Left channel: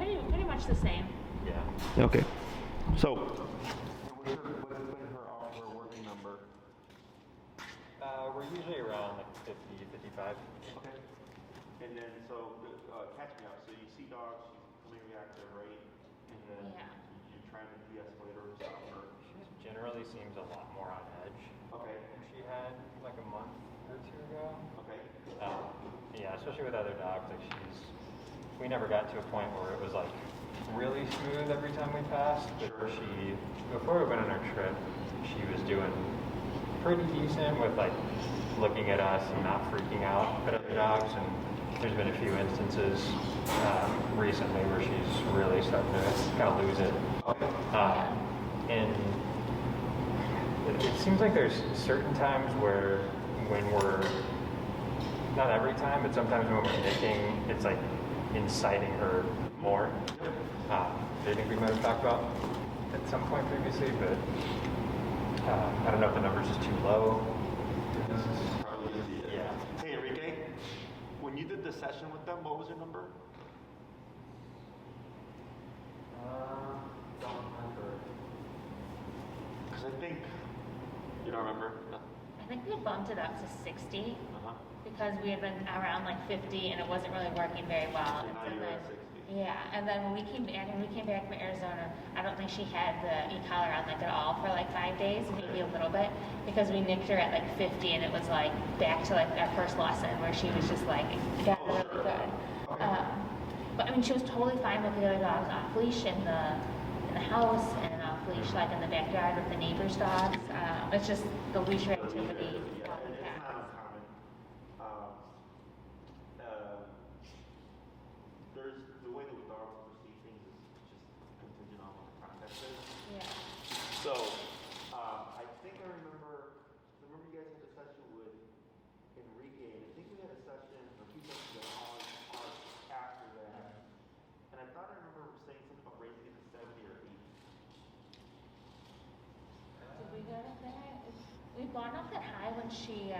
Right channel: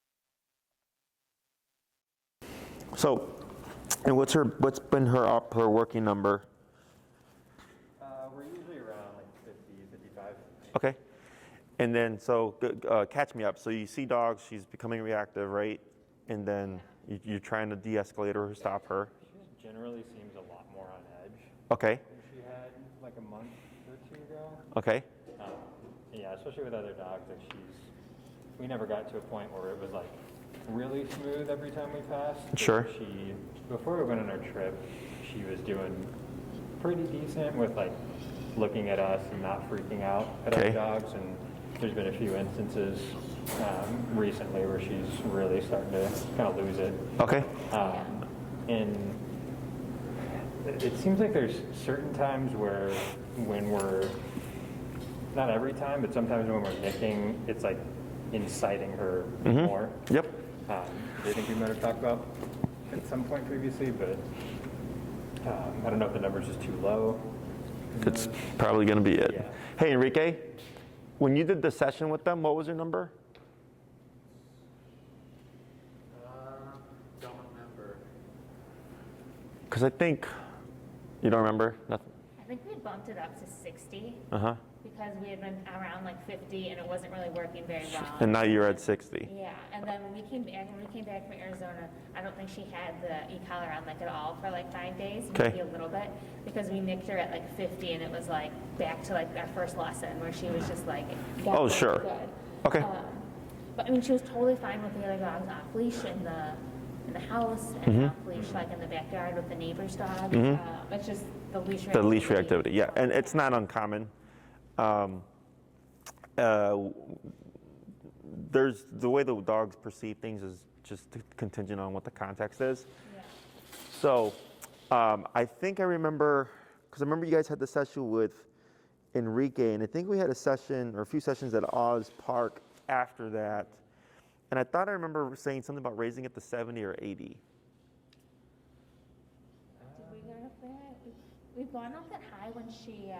Yeah, pretty much the same. Yeah. Okay. So, and what's been her working number? We're usually around like 50, 55. Okay. And then, so catch me up. So you see dogs, she's becoming reactive, right? And then you're trying to de-escalate her or stop her. She generally seems a lot more on edge. Okay. She had like a month or two ago. Okay. Yeah, especially with other dogs, like we never got to a point where it was like really smooth every time we passed. Sure. Before we went on our trip, she was doing pretty decent with like looking at us and not freaking out at other dogs. And there's been a few instances recently where she's really starting to kind of lose it. Okay. And it seems like there's certain times where when we're, not every time, but sometimes when we're nicking, it's like inciting her more. Yep. I think we might have talked about at some point previously, but I don't know if the number's just too low. It's probably going to be it. Yeah. Hey, Enrique, when you did the session with them, what was your number? Don't remember. Because I think, you don't remember? Nothing. I think we bumped it up to 60 Uh-huh. because we had been around like 50 and it wasn't really working very well. And now you're at 60. Yeah, and then when we came back from Arizona, I don't think she had the e-collar on like at all for like 5 days, maybe a little bit, because we nicked her at like 50 and it was like back to like our first lesson where she was just like, Oh, sure. good. Okay. But I mean, she was totally fine with the other dogs off leash in the house and off leash like in the backyard with the neighbor's dogs. It's just the leash reactivity. The leash reactivity, yeah. And it's not uncommon. There's the way the dogs perceive things is just contingent on what the context is. Yeah. So I think I remember, because I remember you guys had the session with Enrique, and I think we had a session or a few sessions at Oz Park after that. And I thought I remember saying something about raising it to 70 or 80. Did we go up there? We've gone up that high when she,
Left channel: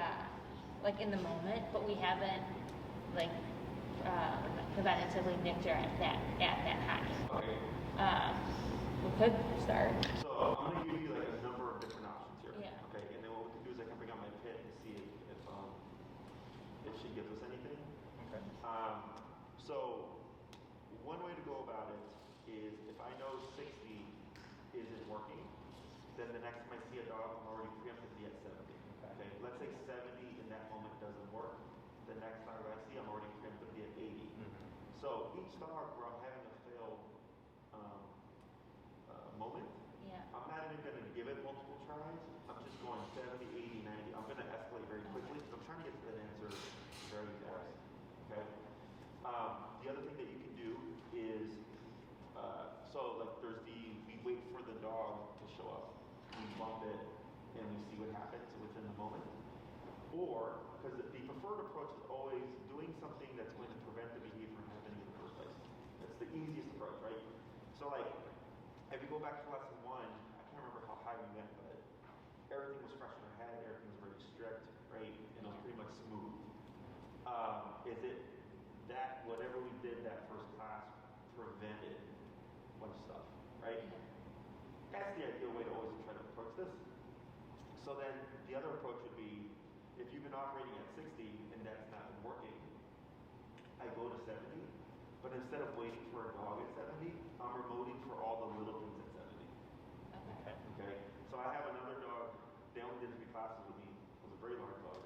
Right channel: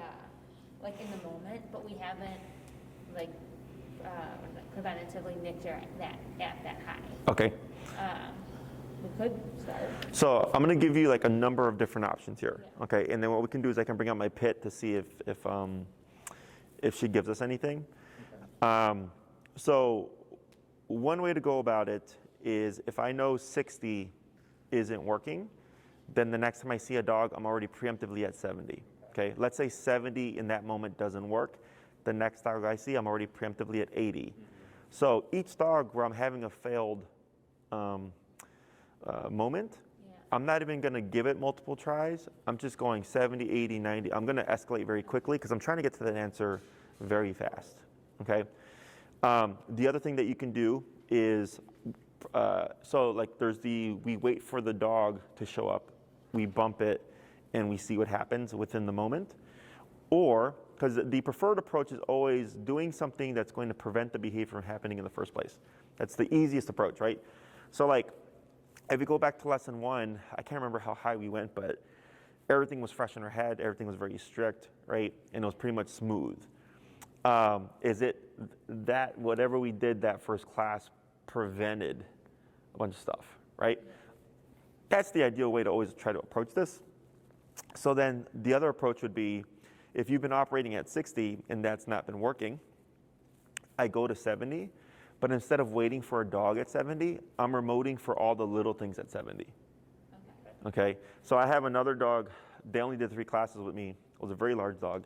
like in the moment, but we haven't like preventatively nicked her at that high. Okay. We could start. So I'm going to give you like a number of different options here. Yeah. Okay. And then what we can do is I can bring up my pit to see if she gives us anything. Okay. So one way to go about it is if I know 60 isn't working, then the next time I see a dog, I'm already preemptively at 70. Okay, let's say 70 in that moment doesn't work. The next dog I see, I'm already preemptively at 80. So each dog where I'm having a failed moment, I'm not even going to give it multiple tries. I'm just going 70, 80, 90. I'm going to escalate very quickly because I'm trying to get to that answer very fast. Okay. The other thing that you can do is, so like we wait for the dog to show up, we bump it, and we see what happens within the moment. Or, because the preferred approach is always doing something that's going to prevent the behavior from happening in the first place. That's the easiest approach, right? So like, if we go back to lesson 1, I can't remember how high we went, but everything was fresh in her head, everything was very strict, right? And it was pretty much smooth. Is it that whatever we did that first class prevented a bunch of stuff, right? That's the ideal way to always try to approach this. So then the other approach would be, if you've been operating at 60 and that's not been working, I go to 70, but instead of waiting for a dog at 70, I'm remoting for all the little things at 70. Okay, so I have another dog, they only did 3 classes with me. It was a very large dog.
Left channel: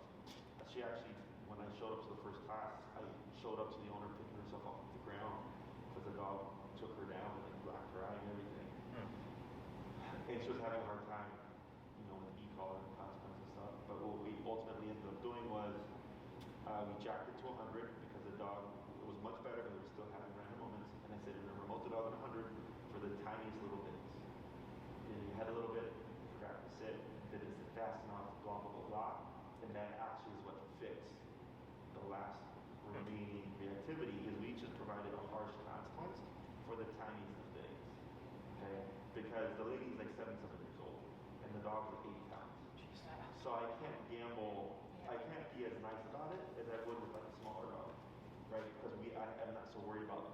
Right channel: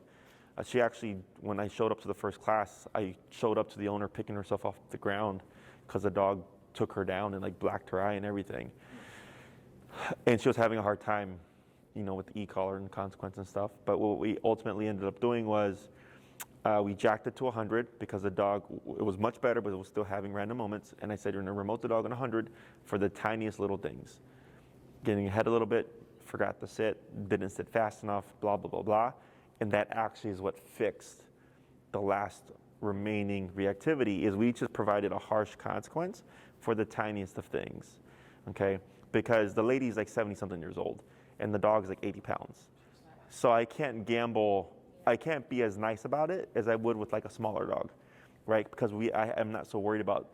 She actually, when I showed up to the first class, I showed up to the owner picking herself off the ground because the dog took her down and like blacked her eye and everything. And she was having a hard time, with the e-collar and consequence and stuff. But what we ultimately ended up doing was we jacked it to 100 because the dog, it was much better, but it was still having random moments. And I said, you're going to remote the dog on 100 for the tiniest little things. Getting ahead a little bit, forgot to sit, didn't sit fast enough, blah, blah, blah, blah. And that actually is what fixed the last remaining reactivity, is we just provided a harsh consequence for the tiniest of things, okay? Because the lady's like 70-something years old, and the dog's like 80 pounds. So I can't gamble, I can't be as nice about it as I would with like a smaller dog, right? Because I am not so worried about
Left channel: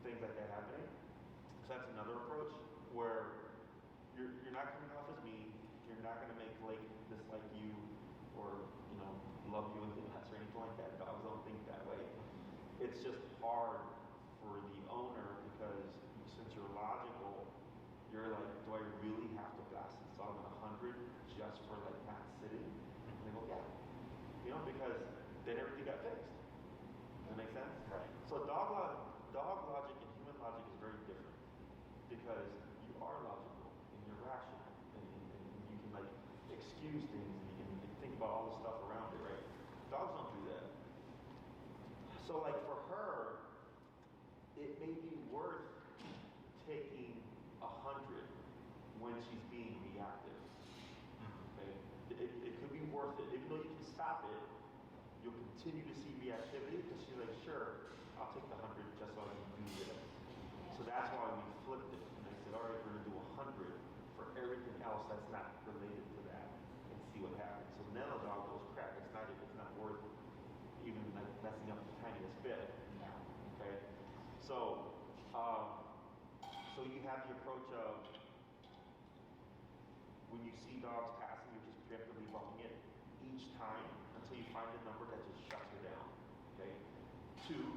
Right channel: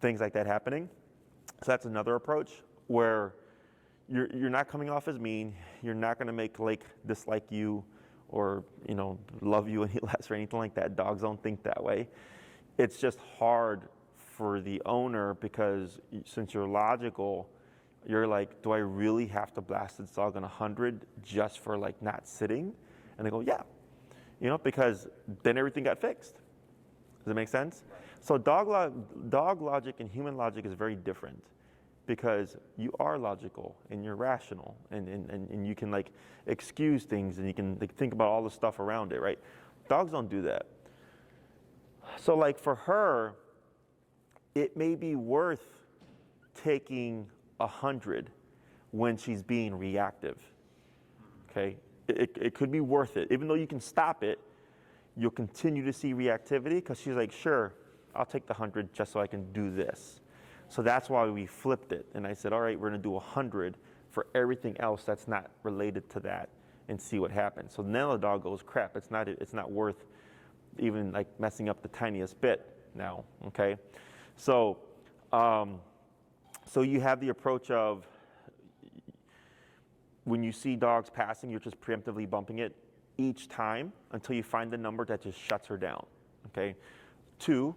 things like that happening. So that's another approach where you're not coming off as mean. You're not going to make Lake dislike you or, you know, love you any less or anything like that. Dogs don't think that way. It's just hard for the owner because since you're logical, you're like, do I really have to blast this dog on 100 just for like not sitting? And they go, yeah, you know, because then everything got fixed. Does that make sense? So dog logic and human logic is very different because you are logical and you're rational and you can like excuse things and you can like, think about all the stuff around it, right? Dogs don't do that. So like for her, it may be worth taking 100 when she's being reactive, okay? It could be worth it. Even though you can stop it, you'll continue to see reactivity because she's like, sure, I'll take the 100 just so I can do this. So that's why we flipped it. And I said, all right, we're gonna do 100 for everything else that's not related to that and see what happens. So now the dog goes, crap, it's not worth even like messing up the tiniest bit now, okay? So, so you have the approach of when you see dogs passing, you're just preemptively bumping it each time until you find the number that just shuts her down, okay? 2,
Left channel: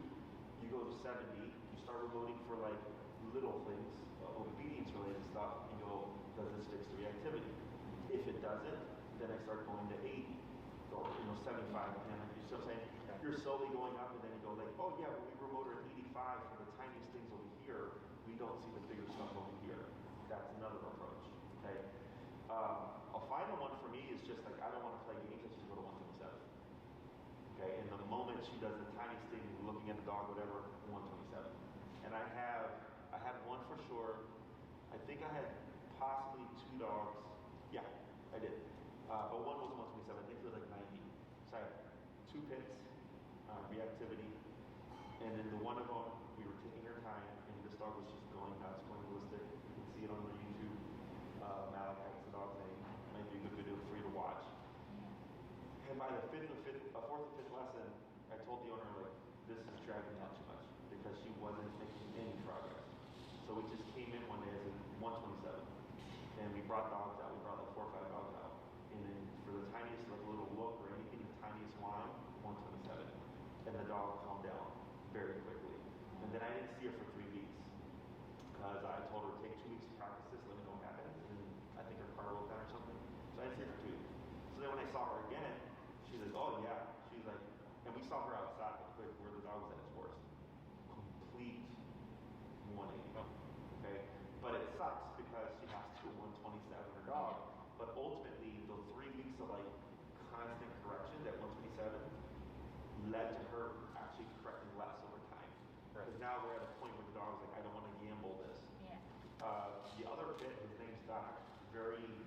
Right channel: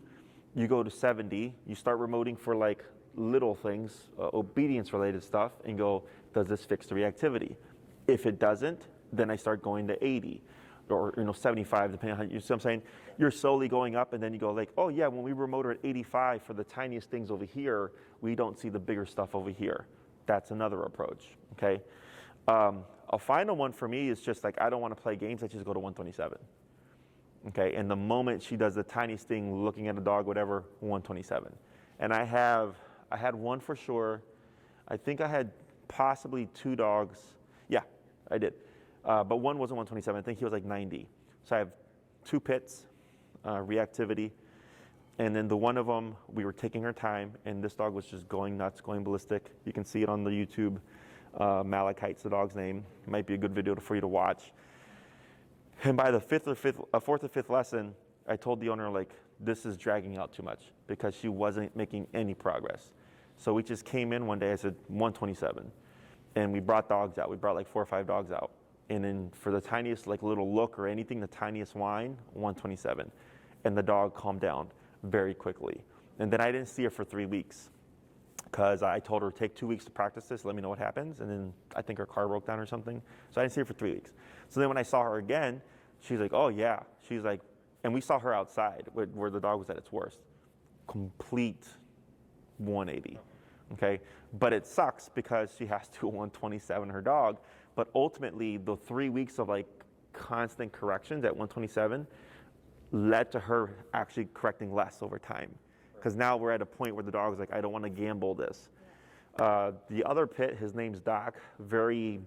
you go to 70, you start remoting for like little things, obedience related stuff, and go, does this fix the reactivity? If it doesn't, then I start going to 80 or 75, depending on how you see what I'm saying. You're slowly going up and then you go like, oh yeah, when we remote her at 85 for the tiniest things over here, we don't see the bigger stuff over here. That's another approach, okay? A final one for me is just like, I don't want to play games, I just go to 127. Okay, and the moment she does the tiniest thing, looking at a dog, whatever, 127. And I had one for sure. I think I had possibly 2 dogs. Yeah, I did. But one wasn't 127, I think he was like 90. So I have 2 pits, reactivity. And then the one of them, we were taking her time, and this dog was just going nuts, going ballistic. You can see it on the YouTube. Malachite's the dog's name. It might be a good video for you to watch. And by the 4th or 5th lesson, I told the owner, like, this is dragging out too much because she wasn't making any progress. So we just came in one day, I said 127. And we brought dogs out. We brought like 4 or 5 dogs out. And then for the tiniest like little look or anything, the tiniest whine, 127. And the dog calmed down very quickly. And then I didn't see her for 3 weeks because I told her, take 2 weeks to practice this, let me know what happens. And then I think her car broke down or something. So I didn't see her for 3 weeks. So then when I saw her again, she's like, oh yeah. She's like, and we saw her outside where the dog was at its worst. Complete 180, okay? But it sucks because she has to 127 her dog. But ultimately, the 3 weeks of like constant corrections at 127 led to her actually correcting less over time. Because now we're at a point where the dog's like, I don't want to gamble this. Yeah. The other pit, his name's Doc, very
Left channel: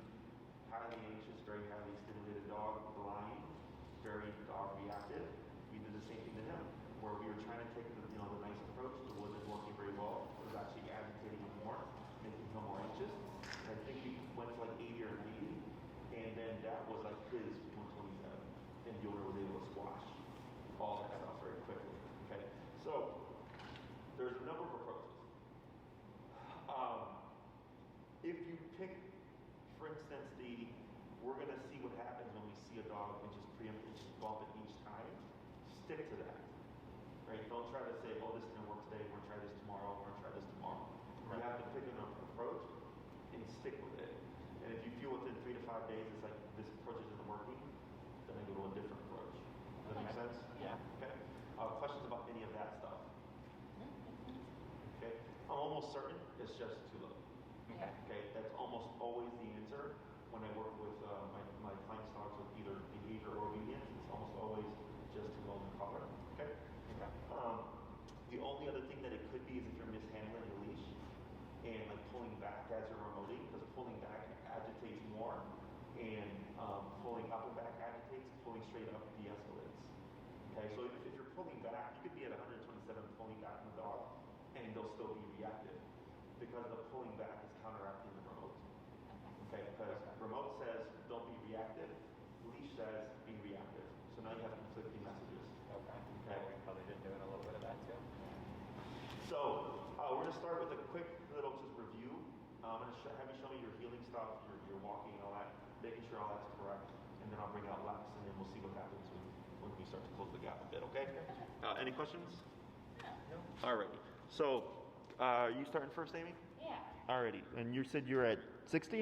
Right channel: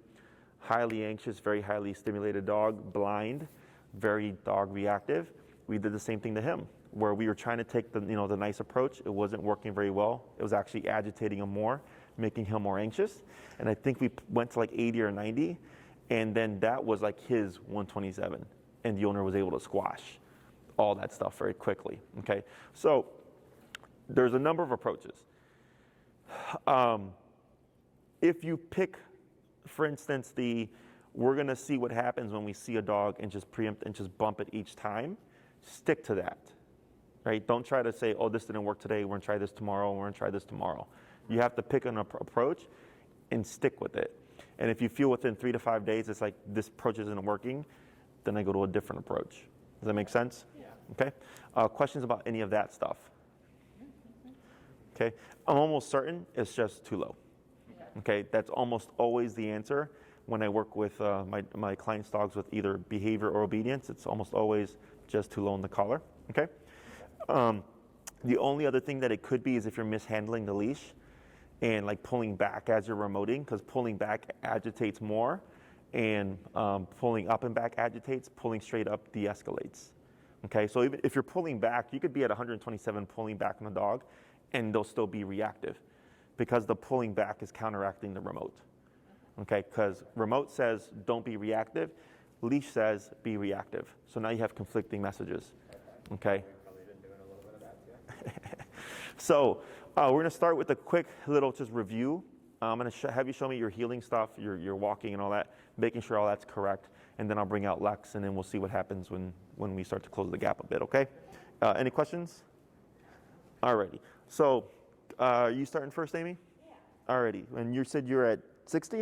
highly anxious, very highly stimulated dog, blind, very dog reactive. We did the same thing to him, where we were trying to take the nice approach. It wasn't working very well. It was actually agitating him more, making him more anxious. And I think we went to like 80 or 90, and then that was like his 127, and the owner was able to squash all that stuff very quickly. Okay, so there's a number of approaches. If you pick, for instance, we're gonna see what happens when we see a dog and just preempt and just bump it each time, stick to that, right? Don't try to say, oh, this didn't work today, we're gonna try this tomorrow, we're gonna try this tomorrow. You have to pick an approach and stick with it. And if you feel within 3 to 5 days, it's like this approach isn't working, then I go to a different approach. Does that make sense? Yeah. Okay. Questions about any of that stuff? Okay. I'm almost certain it's just too low. Okay. That's almost always the answer when I work with my clients' dogs with either behavior or obedience. It's almost always just too low in the collar. Okay. The only other thing that it could be is if you're mishandling the leash and like pulling back as you're remoting, because pulling back agitates more, and pulling up and back agitates, pulling straight up de-escalates. Okay, so even if you're pulling back, you could be at 127 pulling back on the dog, and they'll still be reactive, because the pulling back is counteracting the remote. Okay, because remote says don't be reactive, leash says be reactive. So now you have conflicting messages. Okay. So we're gonna start with a quick little just review. I'm gonna have you show me your healing stuff, your walking and all that, making sure all that's correct, and then I'll bring out Lex, and then we'll see what happens when we start to close the gap a bit, okay? Any questions? Alrighty, so you starting first, Amy? Yeah. Alrighty, and you said you're at 60?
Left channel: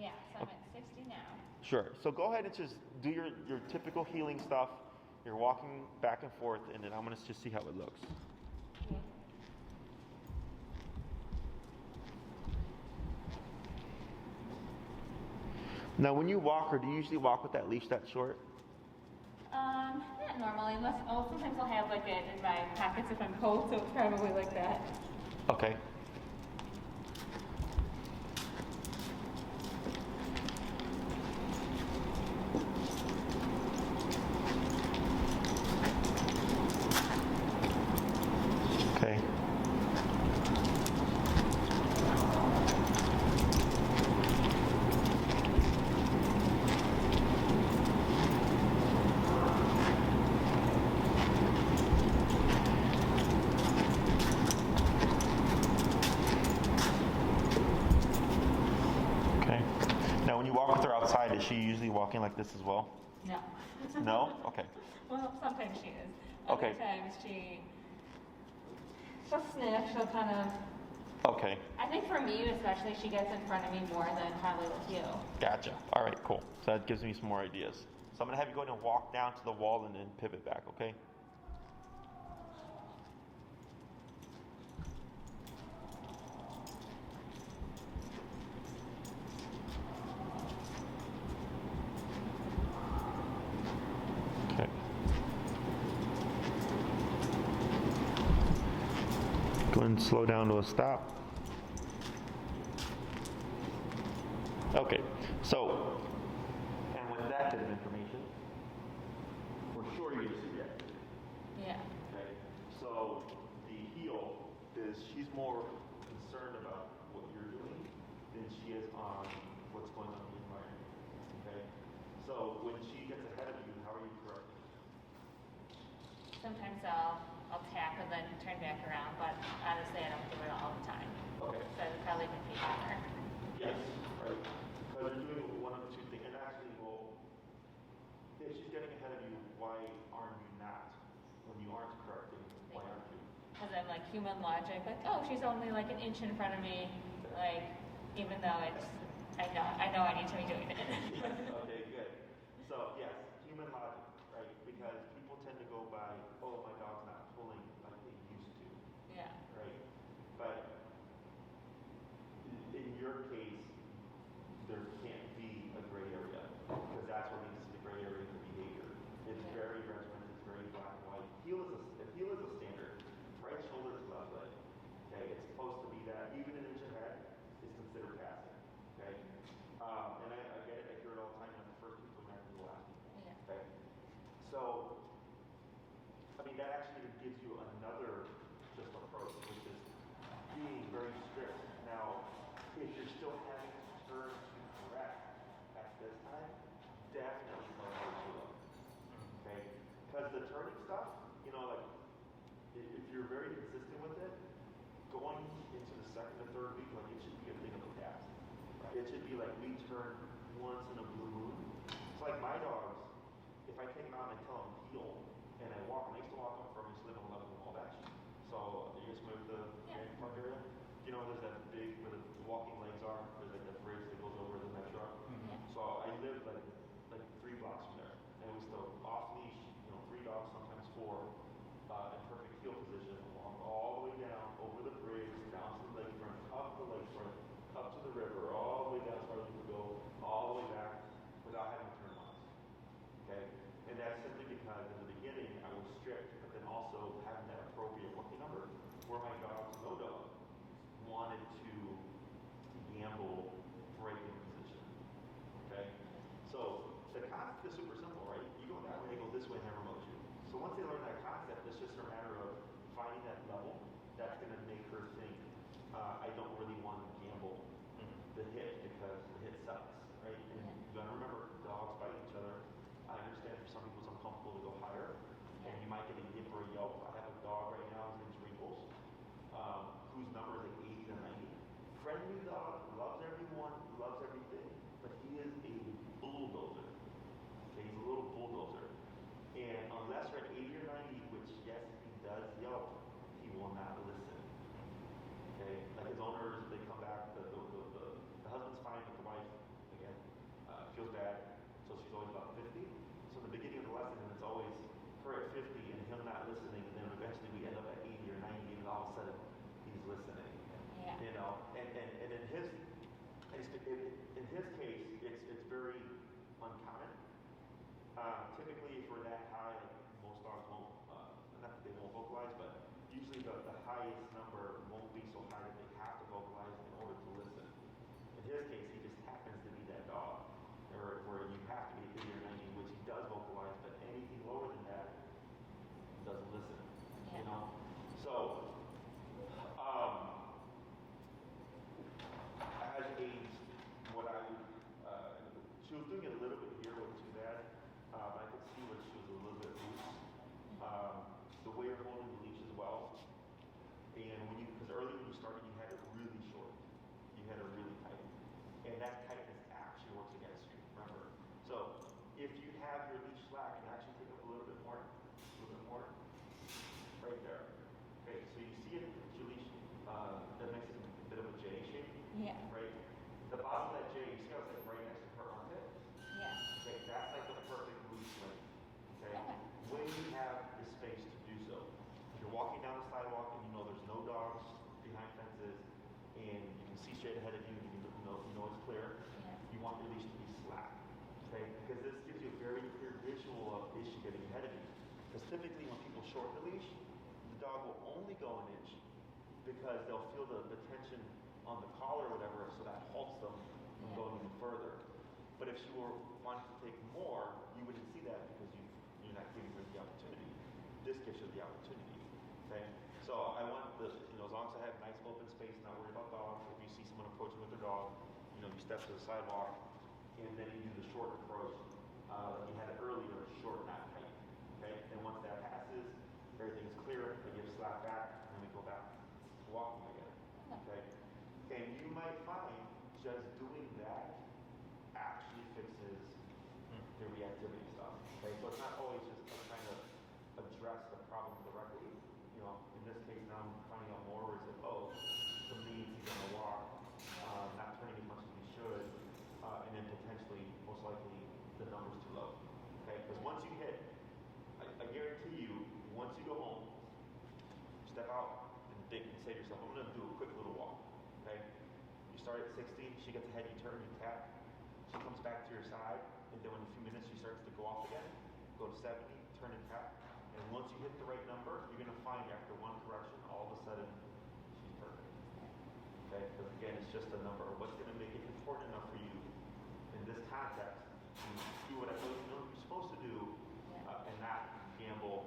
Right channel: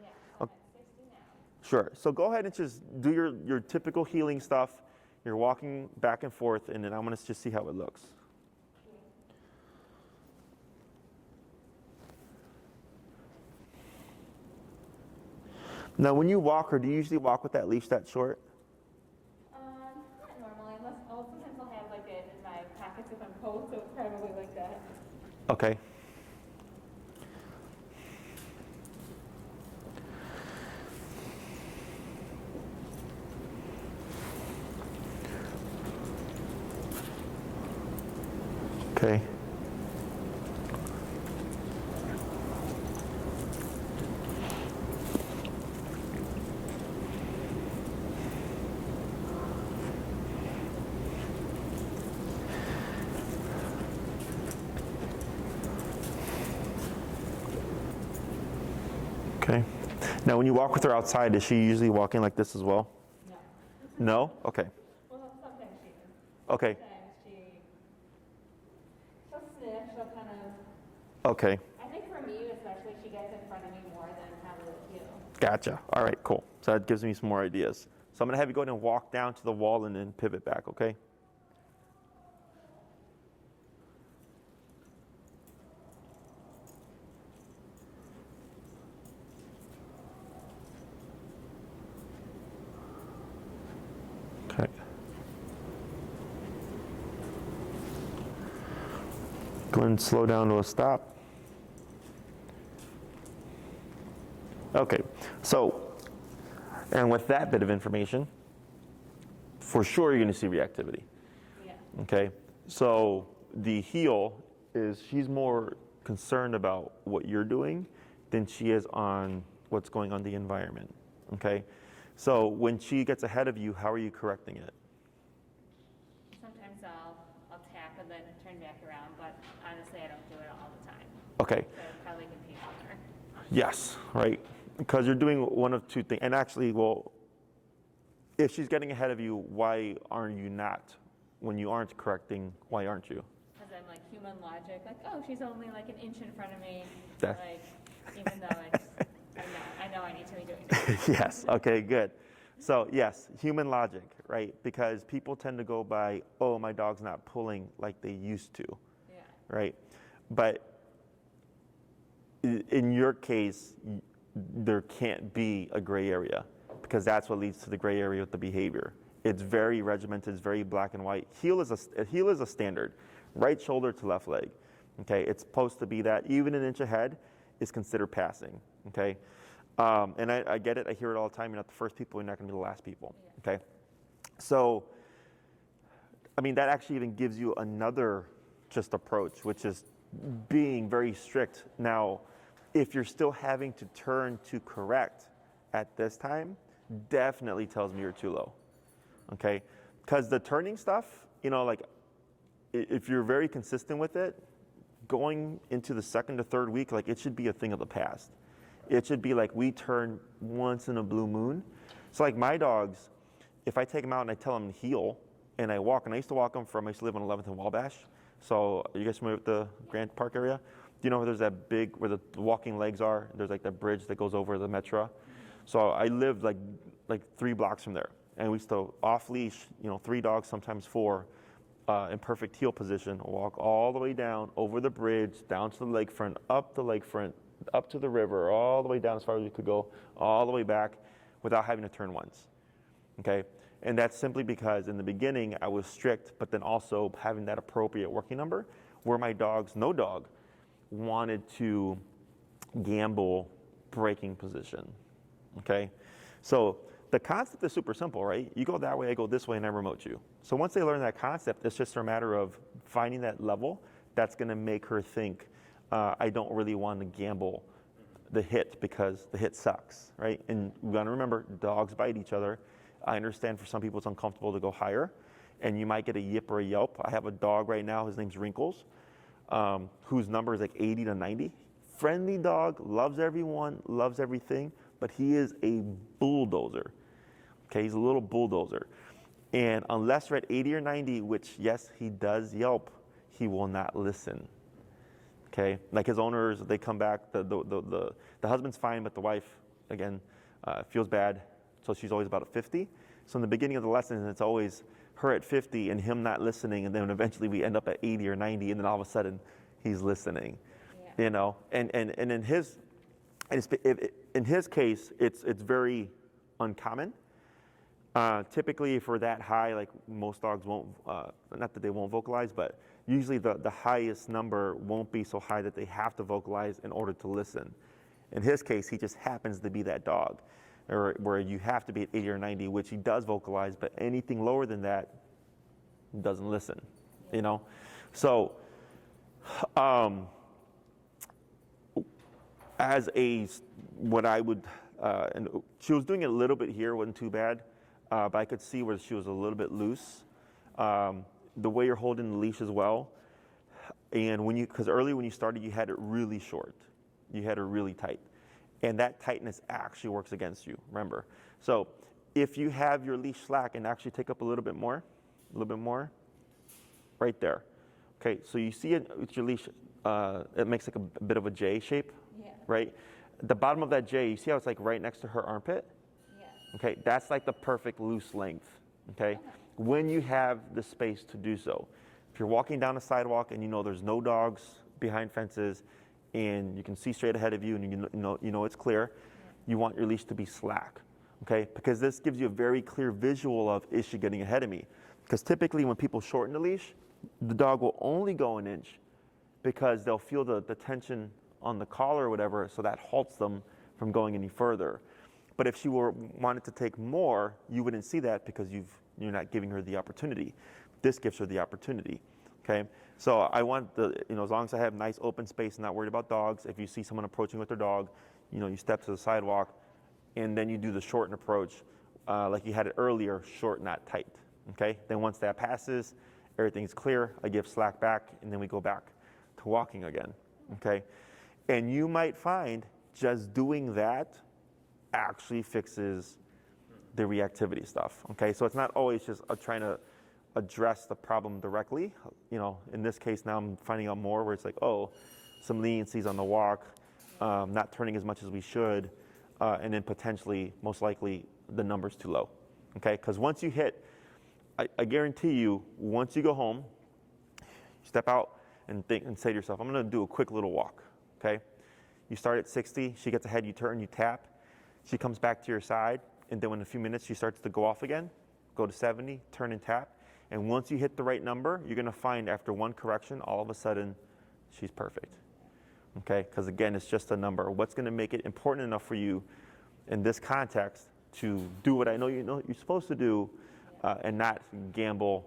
Yeah, so I'm at 60 now. Sure, so go ahead and just do your typical healing stuff. You're walking back and forth, and then I'm gonna just see how it looks. Now, when you walk, or do you usually walk with that leash that short? Not normally, unless, sometimes I'll have like it in my pockets if I'm cold, so it's probably like that. Okay. Okay. Okay. Now, when you walk with her outside, is she usually walking like this as well? No. No? Okay. Well, sometimes she is. Okay. Sometimes she'll sniff, she'll kind of, Okay. I think for me especially, she gets in front of me more than probably with you. Gotcha. All right, cool. So that gives me some more ideas. So I'm going to have you go ahead and walk down to the wall and then pivot back, okay? Okay. Go ahead and slow down to a stop. Okay, so, and with that bit of information, for sure you're gonna see reactivity, Yeah. okay? So the heel is, she's more concerned about what you're doing than she is on what's going on in the environment, okay? So when she gets ahead of you, how are you correcting it? Sometimes I'll tap and then turn back around, but honestly I don't do it all the time. Okay, So it would probably confuse her. yes, right? Because you're doing one of two things, and actually, well, if she's getting ahead of you, why aren't you not? When you aren't correcting, why aren't you? Because I'm like human logic, like, oh, she's only like an inch in front of me. That- Like, even though it's, I know I need to be doing it. Yes, okay, good. So yes, human logic, right? Because people tend to go by, oh, my dog's not pulling like they used to, Yeah. right? But in your case, there can't be a gray area because that's what leads to the gray area with the behavior. It's very regimented, it's very black and white. Heel is a standard, right shoulder to left leg. Okay, it's supposed to be that. Even an inch ahead is considered passing. Okay, and I get it. I hear it all the time. You're not the first people. You're not going to be the last people. Yeah. Okay, so I mean that actually even gives you another just approach, which is being very strict. Now, if you're still having to turn to correct at this time, definitely tells me you're too low. Okay, because the turning stuff, you know, like if you're very consistent with it, going into the second to third week, like it should be a thing of the past. It should be like we turn once in a blue moon. So like my dogs, if I take them out and I tell them to heel and I walk, and I used to live on 11th and Wabash. So are you guys familiar with the Grant Park area? Do you know where there's that big, where the walking legs are? There's like that bridge that goes over the Metro. So I lived like 3 blocks from there. And we used to off leash, 3 dogs, sometimes 4, in perfect heel position, walk all the way down, over the bridge, down to the lakefront, up the lakefront, up to the river, all the way down as far as you could go, all the way back without having to turn once, okay? And that's simply because in the beginning I was strict, but then also having that appropriate working number where my dogs, no dog, wanted to gamble breaking position, okay? So the concept is super simple, right? You go that way, I go this way, and I remote you. So once they learn that concept, it's just a matter of finding that level that's gonna make her think, I don't really want to gamble the hit because the hit sucks, right? And you gotta remember, dogs bite each other. I understand for some people it's uncomfortable to go higher, and you might get a yip or a yelp. I have a dog right now, his name's Wrinkles. whose number is like 80 to 90. Friendly dog, loves everyone, loves everything, but he is a bulldozer. Okay, he's a little bulldozer. And unless we're at 80 or 90, which yes, he does yelp, he will not listen. Okay, like his owners, they come back, the husband's fine, but the wife, again, feels bad, so she's always about at 50. So in the beginning of the lesson, it's always her at 50 and him not listening, and then eventually we end up at 80 or 90, and then all of a sudden, he's listening. Yeah. You know, and in his case, it's very uncommon. Typically, for that high, like most dogs won't, not that they won't vocalize, but usually the highest number won't be so high that they have to vocalize in order to listen. In his case, he just happens to be that dog, or where you have to be at 80 or 90, which he does vocalize, but anything lower than that doesn't listen, you know? So, as what I would, and she was doing it a little bit here, wasn't too bad, but I could see where she was a little bit loose. The way you're holding the leash as well, and because earlier when you started, you had it really short, you had it really tight, and that tightness actually works against you. Remember, so if you have your leash slack and actually take up a little bit more, right there. Okay, so you see it with your leash, it makes like a bit of a J shape, right? The bottom of that J, you see how it's like right next to her armpit? Yeah. Okay, that's like the perfect loose length. Okay. When you have the space to do so. If you're walking down a sidewalk and you know there's no dogs behind fences and you can see straight ahead of you and you know it's clear, you want your leash to be slack, okay? Because this gives you a very clear visual of, is she getting ahead of me? Because typically when people shorten the leash, the dog will only go an inch because they'll feel the tension on the collar or whatever, so that halts them from going any further. But if she wanted to take more, you wouldn't see that because you're not giving her the opportunity. This gives her the opportunity, okay? So I want as long as I have nice open space and not worried about dogs, if you see someone approaching with their dog, you step to the sidewalk and then you do the shorten approach like you had it earlier, short, not tight, okay? Then once that passes, everything's clear, I give slack back and then we go back to walking again, okay? And you might find just doing that actually fixes the reactivity stuff, okay? So it's not always just trying to address the problem directly. In this case now I'm finding out more where it's like, oh, some leniencies on the walk, not turning as much as we should, and then potentially, most likely, the number's too low, okay? Because once you hit, I guarantee you, once you go home, step out and think and say to yourself, I'm gonna do a quick little walk, okay? You start at 60, she gets ahead, you turn, you tap, she comes back to your side, and then in a few minutes she starts to go off again, go to 70, turn and tap, and once you hit the right number, you're gonna find after one correction, all of a sudden, she's perfect, okay? Because again, it's just a number. What's gonna make it important enough for you in this context to do what I know you're supposed to do and not gamble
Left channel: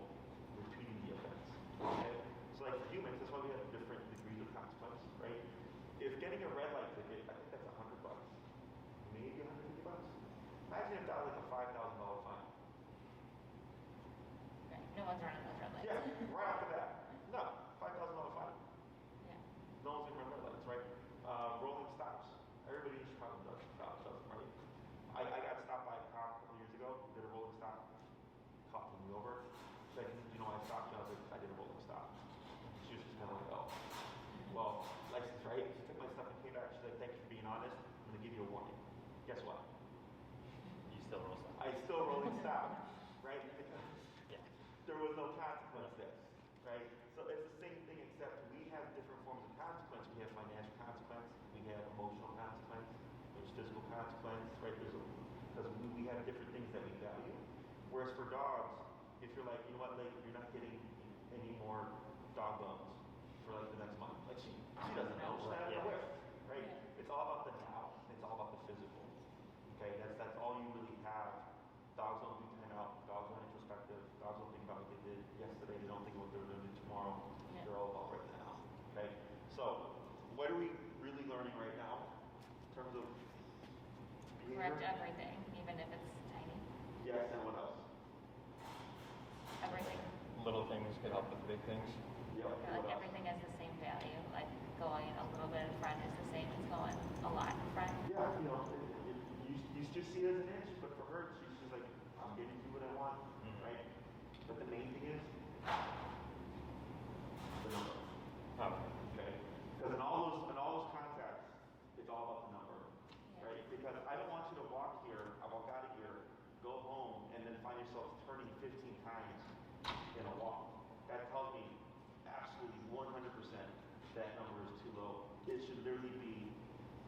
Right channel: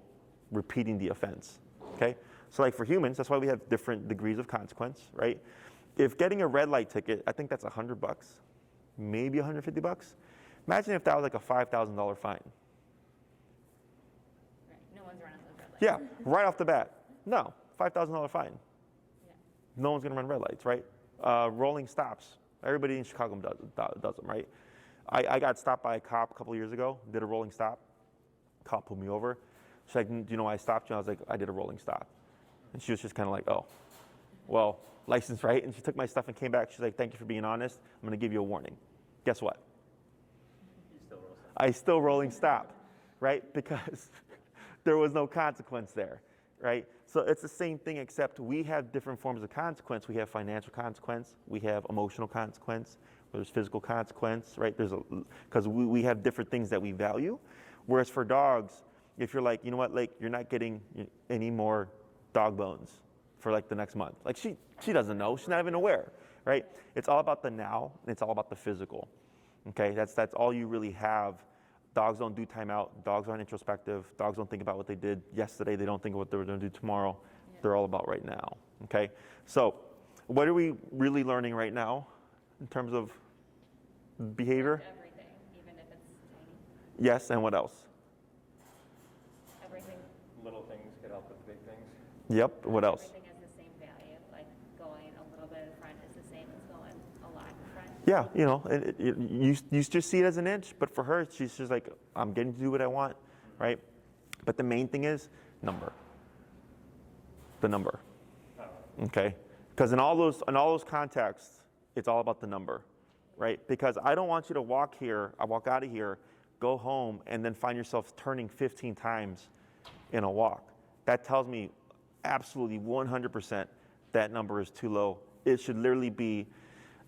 repeating the offense, okay? So like for humans, that's why we have different degrees of consequence, right? If getting a red light ticket, I think that's $100, maybe $150. Imagine if that was like a $5,000 fine. Right. No one's running those red lights. Yeah, right off the bat. No, $5,000 fine. Yeah. No one's gonna run red lights, right? Rolling stops. Everybody in Chicago does them, right? I got stopped by a cop a couple of years ago, did a rolling stop. Cop pulled me over. She's like, do you know why I stopped you? I was like, I did a rolling stop. And she was just kind of like, oh, well, license, right? And she took my stuff and came back. She's like, thank you for being honest. I'm gonna give you a warning. Guess what? You still roll stop. I still rolling stop, right? Because there was no consequence there, right? So it's the same thing, except we have different forms of consequence. We have financial consequence, we have emotional consequence, there's physical consequence, right? Because we have different things that we value. Whereas for dogs, if you're like, you know what, like you're not getting any more dog bones for like the next month. Like she doesn't know, she's not even aware, right? It's all about the now, and it's all about the physical, okay? That's all you really have. Dogs don't do timeout, dogs aren't introspective, dogs don't think about what they did yesterday, they don't think of what they're gonna do tomorrow. Yeah. They're all about right now, okay? So what are we really learning right now in terms of behavior? Everything, even if it's tiny. Yes, and what else? Everything. Little things can help with big things. Yep, what else? Everything has the same value. Yeah, you just see it as an inch, but for her, she's just like, I'm getting to do what I want, right? But the main thing is number. The number. Okay? Because in all those contexts, it's all about the number, right? Because I don't want you to walk out of here, go home, and then find yourself turning 15 times in a walk. That tells me absolutely 100% that number is too low. It should literally be,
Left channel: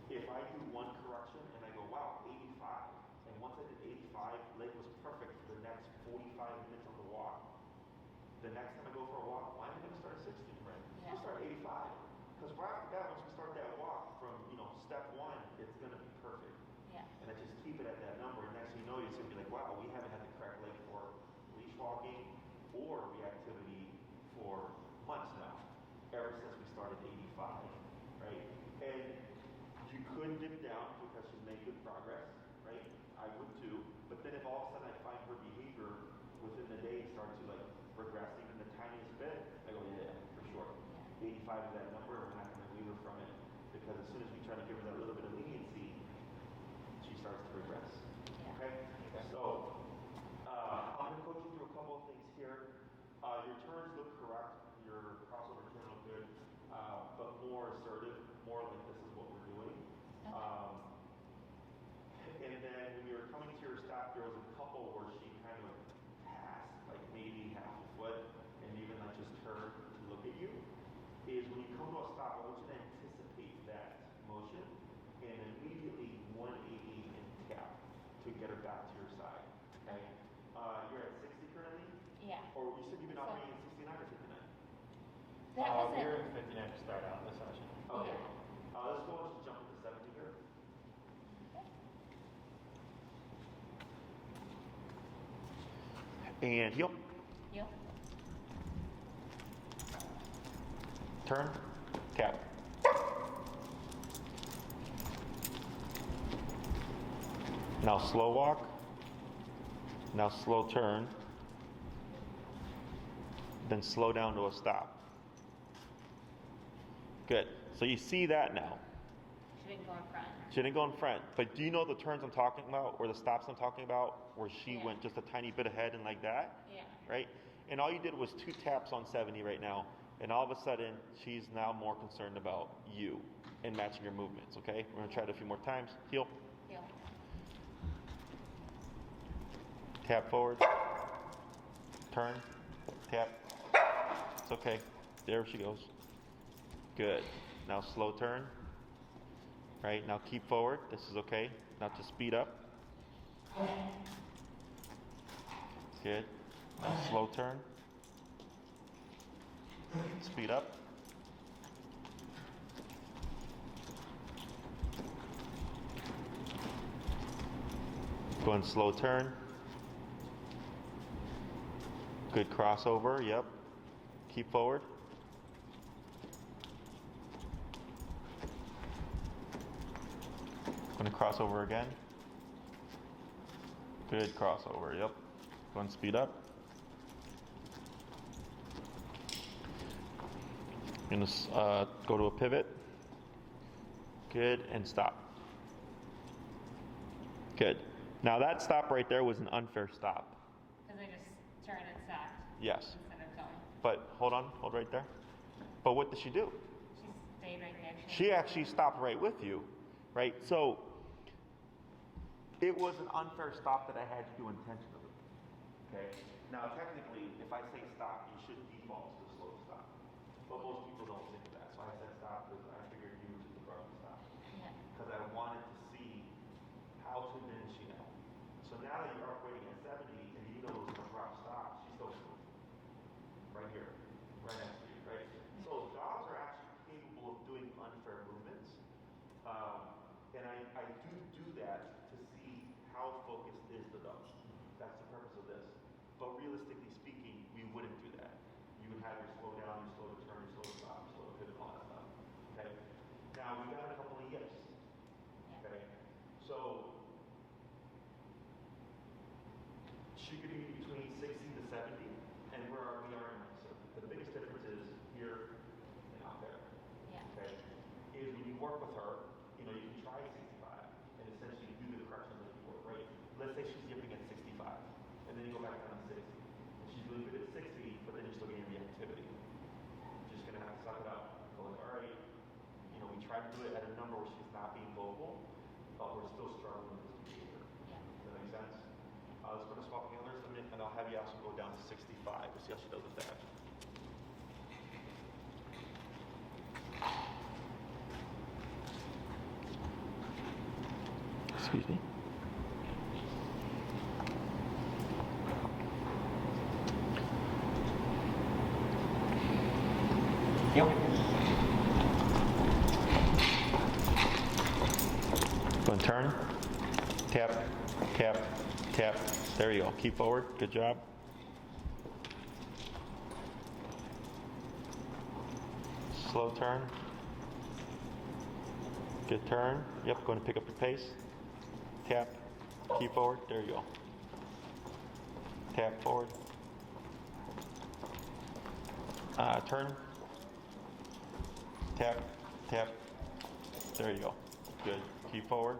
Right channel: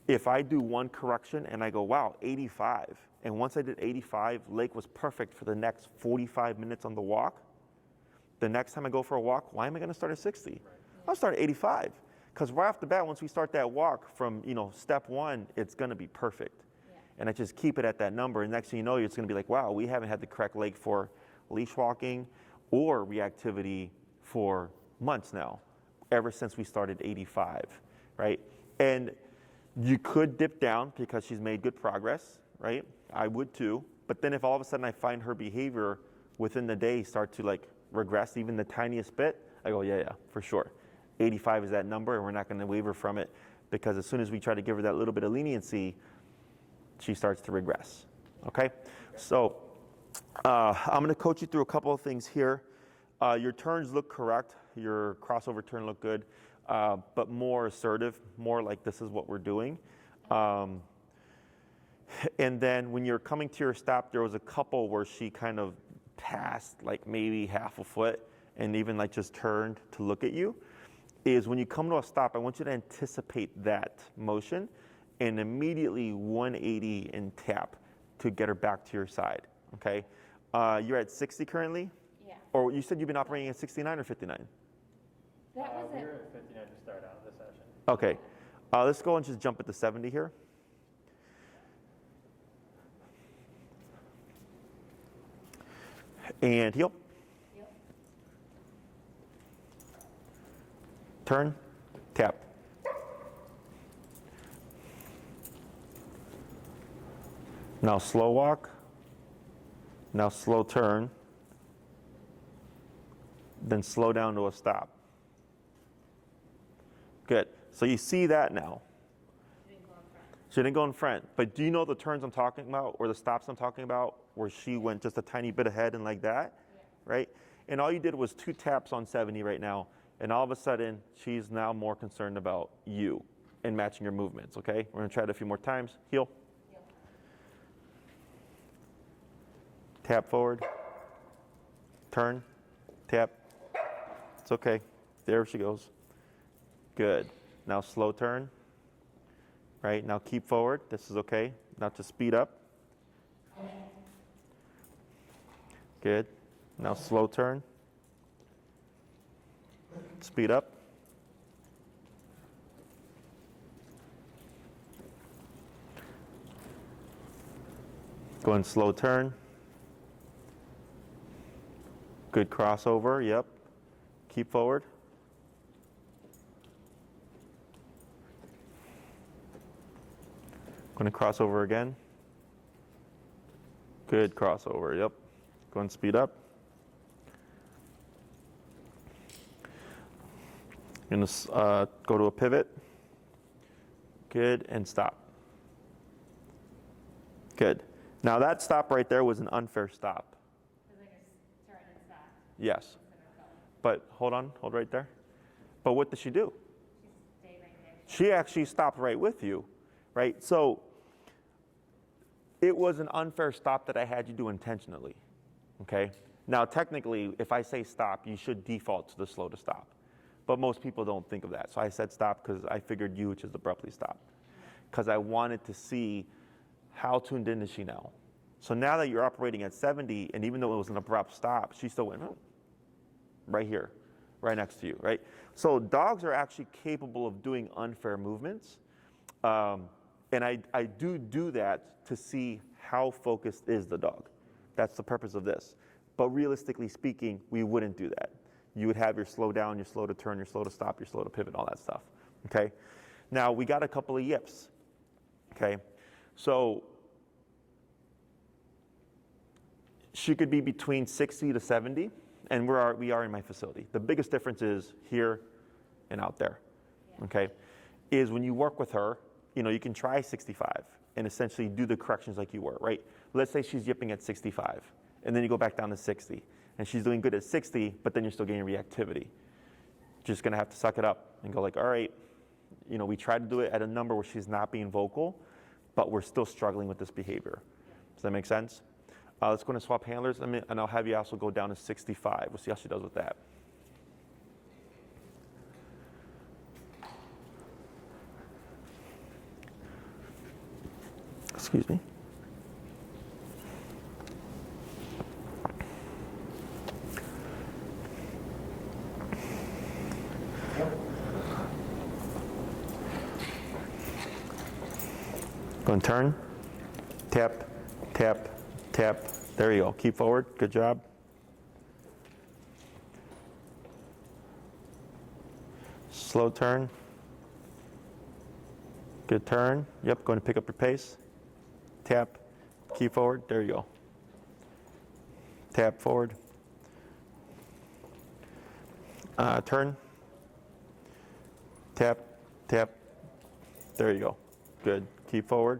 if I do one correction and I go, wow, 85, and once I did 85, Lake was perfect for the next 45 minutes on the walk. The next time I go for a walk, why am I going to start at 60? Right. I'll start at 85. Because right off the bat, once we start that walk from step one, it's going to be perfect. Yeah. And I just keep it at that number. And next thing you know, it's going to be like, wow, we haven't had the correct Lake for leash walking or reactivity for months now, ever since we started 85, right? And you could dip down because she's made good progress, right? I would too. But then if all of a sudden I find her behavior within the day start to like regress even the tiniest bit, I go, yeah, for sure. 85 is that number, and we're not going to waver from it, because as soon as we try to give her that little bit of leniency, she starts to regress, okay? So I'm going to coach you through a couple of things here. Your turns look correct. Your crossover turn look good, but more assertive, more like this is what we're doing. And then when you're coming to your stop, there was a couple where she kind of passed like maybe half a foot and even like just turned to look at you. Is when you come to a stop, I want you to anticipate that motion and immediately 180 and tap to get her back to your side, okay? You're at 60 currently? Yeah. Or you said you've been operating at 69 or 59? We were at 59 to start out the session. Okay. Let's go and just jump at the 70 here. And heel. Turn, tap. Now slow walk. Now slow turn. Then slow down to a stop. Good. So you see that now. She didn't go in front. She didn't go in front. But do you know the turns I'm talking about, or the stops I'm talking about, where she went just a tiny bit ahead and like that? Yeah. Right? And all you did was 2 taps on 70 right now. And all of a sudden, she's now more concerned about you and matching your movements, okay? We're gonna try it a few more times. Heel. Heel. Tap forward. Turn. Tap. It's okay. There she goes. Good. Now slow turn. Right, now keep forward. This is okay. Now to speed up. Good. Now slow turn. Speed up. Go and slow turn. Good crossover, yep. Keep forward. Going to cross over again. Good crossover, yep. Go and speed up. Going to go to a pivot. Good, and stop. Good. Now that stop right there was an unfair stop. Because I just turned and stopped. Yes. Instead of going. But hold on, hold right there. But what did she do? She stayed right there. She actually stopped right with you, right? So it was an unfair stop that I had you do intentionally, okay? Now technically, if I say stop, you should default to the slow to stop. But most people don't think of that. So I said stop because I figured you would just abruptly stop. Because I wanted to see how tuned in is she now. So now that you're operating at 70, and even though it was an abrupt stop, she still went, oh, right here, right next to you, right? So dogs are actually capable of doing unfair movements. And I do that to see how focused is the dog. That's the purpose of this. But realistically speaking, we wouldn't do that. You would have your slow down, your slow to turn, your slow to stop, your slow to pivot, all that stuff, okay? Now, we got a couple of yips, okay? So she could be between 60 to 70, and we are in my facility. The biggest difference is here and out there, okay? Is when you work with her, you can try 65 and essentially do the corrections like you were, right? Let's say she's yipping at 65, and then you go back down to 60, and she's doing good at 60, but then you're still getting reactivity. Just gonna have to suck it up and go like, all right, we tried to do it at a number where she's not being vocal, but we're still struggling with this behavior. Does that make sense? Let's go and swap handlers, and I'll have you also go down to 65. We'll see how she does with that. Excuse me. Yep. Go and turn. Tap, tap, tap. There you go. Keep forward. Good job. Slow turn. Good turn. Yep, going to pick up your pace. Tap. Keep forward. There you go. Tap forward. Turn. Tap, tap. There you go. Good. Keep forward.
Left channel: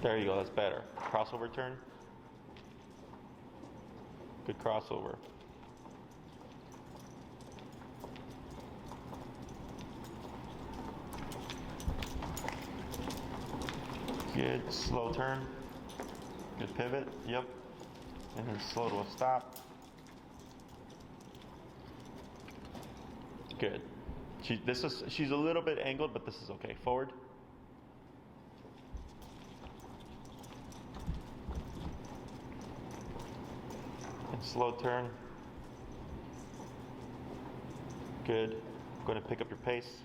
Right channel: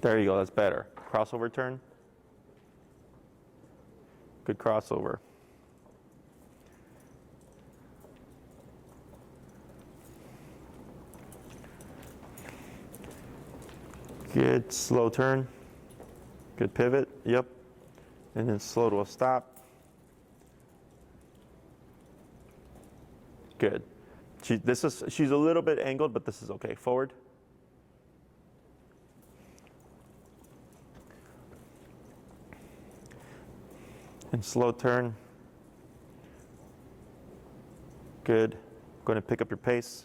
There you go. That's better. Crossover turn. Good crossover. Good. Slow turn. Good pivot. Yep. And then slow to a stop. Good. She's a little bit angled, but this is okay. Forward. And slow turn. Good. Going to pick up your pace.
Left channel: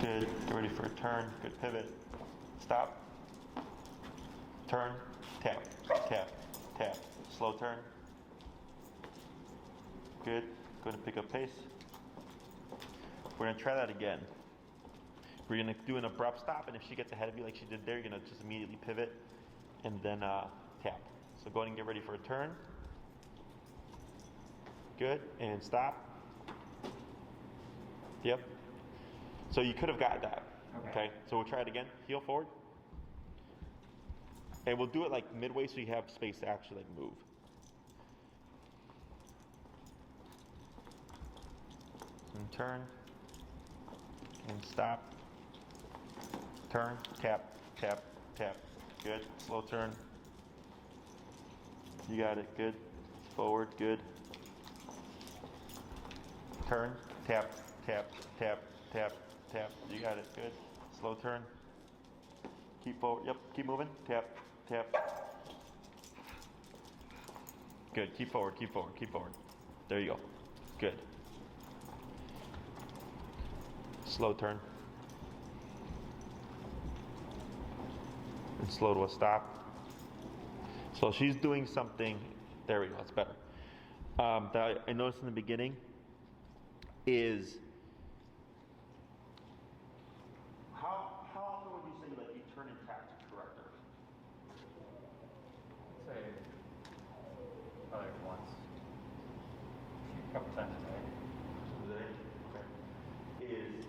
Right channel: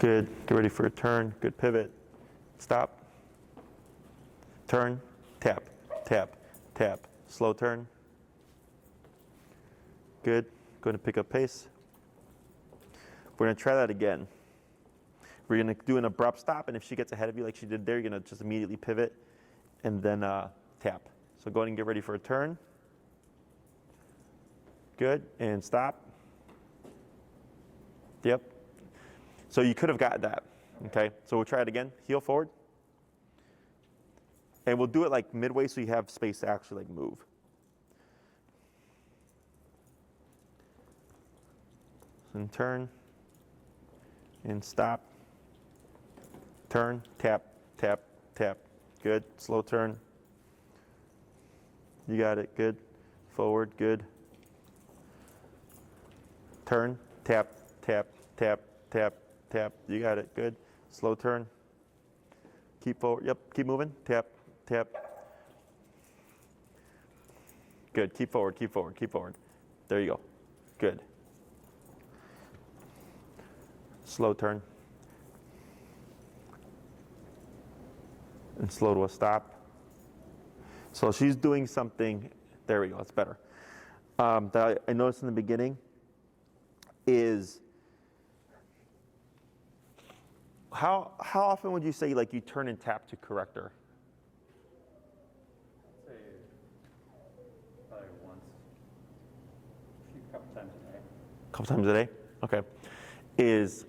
Good. Get ready for a turn. Good pivot. Stop. Turn. Tap. Tap. Tap. Slow turn. Good. Going to pick up pace. We're going to try that again. We're going to do an abrupt stop, and if she gets ahead of you like she did there, you're going to just immediately pivot and then tap. So go ahead and get ready for a turn. Good. And stop. Yep. So you could have got that. Okay. So we'll try it again. Heel forward. And we'll do it like midway so you have space to actually like move. And turn. And stop. Turn. Tap. Tap. Tap. Good. Slow turn. You got it. Good. Forward. Good. Turn. Tap. Tap. Tap. Tap. Tap. You got it. Good. Slow turn. Keep forward. Yep. Keep moving. Tap. Tap. Good. Keep forward. Keep forward. Keep forward. There you go. Good. Slow turn. And slow to a stop. So she's doing something. There we go. That's better. That I noticed in the beginning is how often would you say like you turn and tap to correct her? I'd say probably once. A couple times a day. A couple times a day? Okay.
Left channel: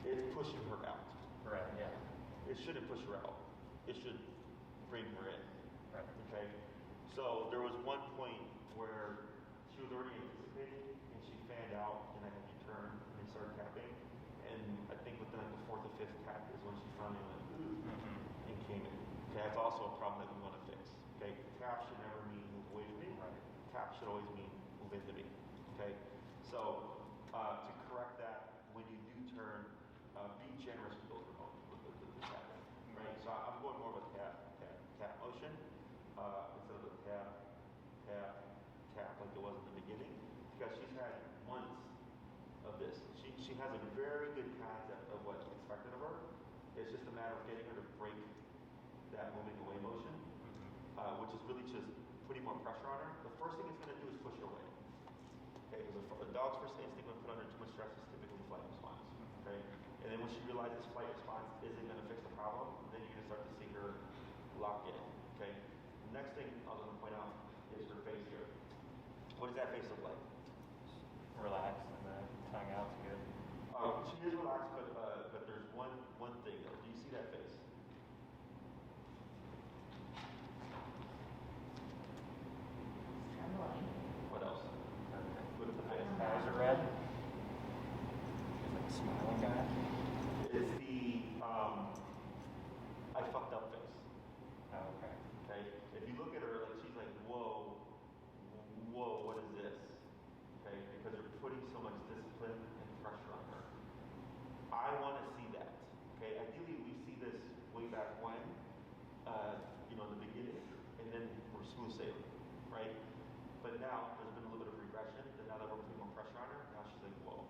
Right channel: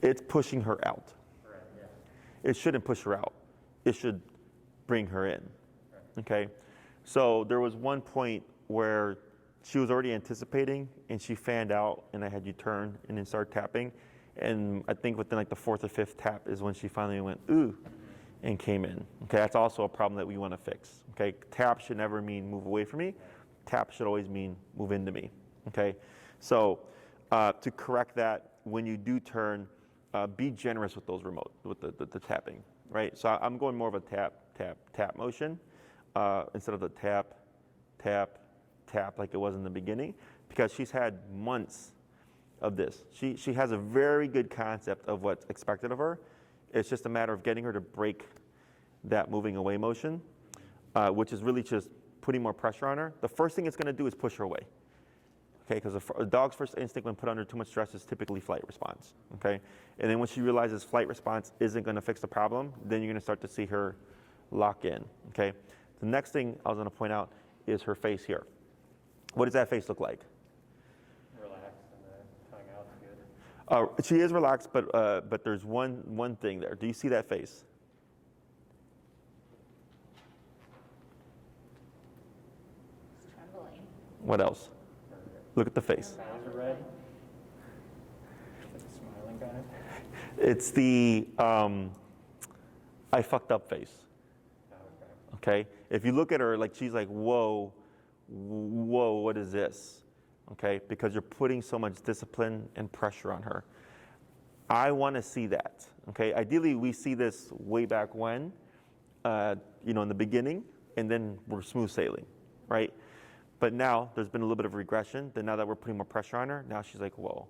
It's pushing her out. Right, yeah. It shouldn't push her out. It should bring her in. Okay? So there was one point where she was already anticipating and she fanned out and I had you turn and then start tapping. And I think within like the fourth or fifth tap is when she finally went, ooh, and came in. Okay, that's also a problem that we want to fix. Okay, tap should never mean move away from me. Tap should always mean move into me. Okay, so to correct that, when you do turn, be generous with those with the tapping, right? So I'm going more of a tap, tap, tap motion instead of the tap, tap, tap like it was in the beginning, because she's had months of this. She has a very good concept of what's expected of her. It's just a matter of getting her to break that moving away motion, which is really just putting more pressure on her. The first thing it's going to do is push her away. Okay, because a dog's first instinct when put under too much stress is typically flight response. Okay, and then when she realizes flight response isn't going to fix the problem, then you're going to start to see her lock in, okay? The next thing I was gonna point out is her face here. What does that face look like? Relaxed and the tongue out's good. She is relaxed, but there's one thing there. Do you see that face? Trembling. What else? Look at the face. Eyes are red. Smiling guy. It's the I fucked up face. Oh, okay. Okay? If you look at her, like she's like, whoa, what is this? Okay? Because you're putting so much discipline and pressure on her. I want to see that. Okay? Ideally, we see this way back when, in the beginning, and then we're smooth sailing, right? But now there's been a little bit of regression. Then now that we're putting more pressure on her, now she's like, whoa,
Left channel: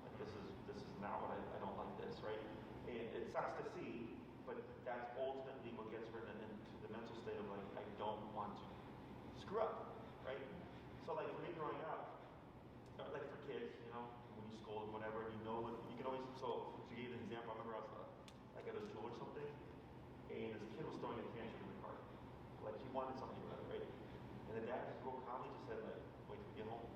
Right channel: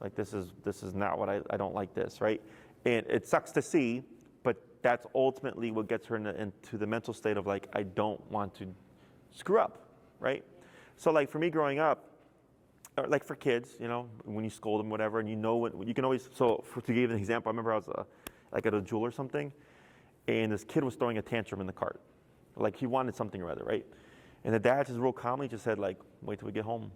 like this is not what I don't like this, right? And it sucks to see, but that's ultimately what gets her into the mental state of like, I don't want to screw up, right? So like for me growing up, or like for kids, when you scold them, whatever, and you can always, to give you an example, I remember I was like at a jewel or something, and this kid was throwing a tantrum in the cart. Like he wanted something or other, right? And the dad just real calmly just said like, wait till we get home.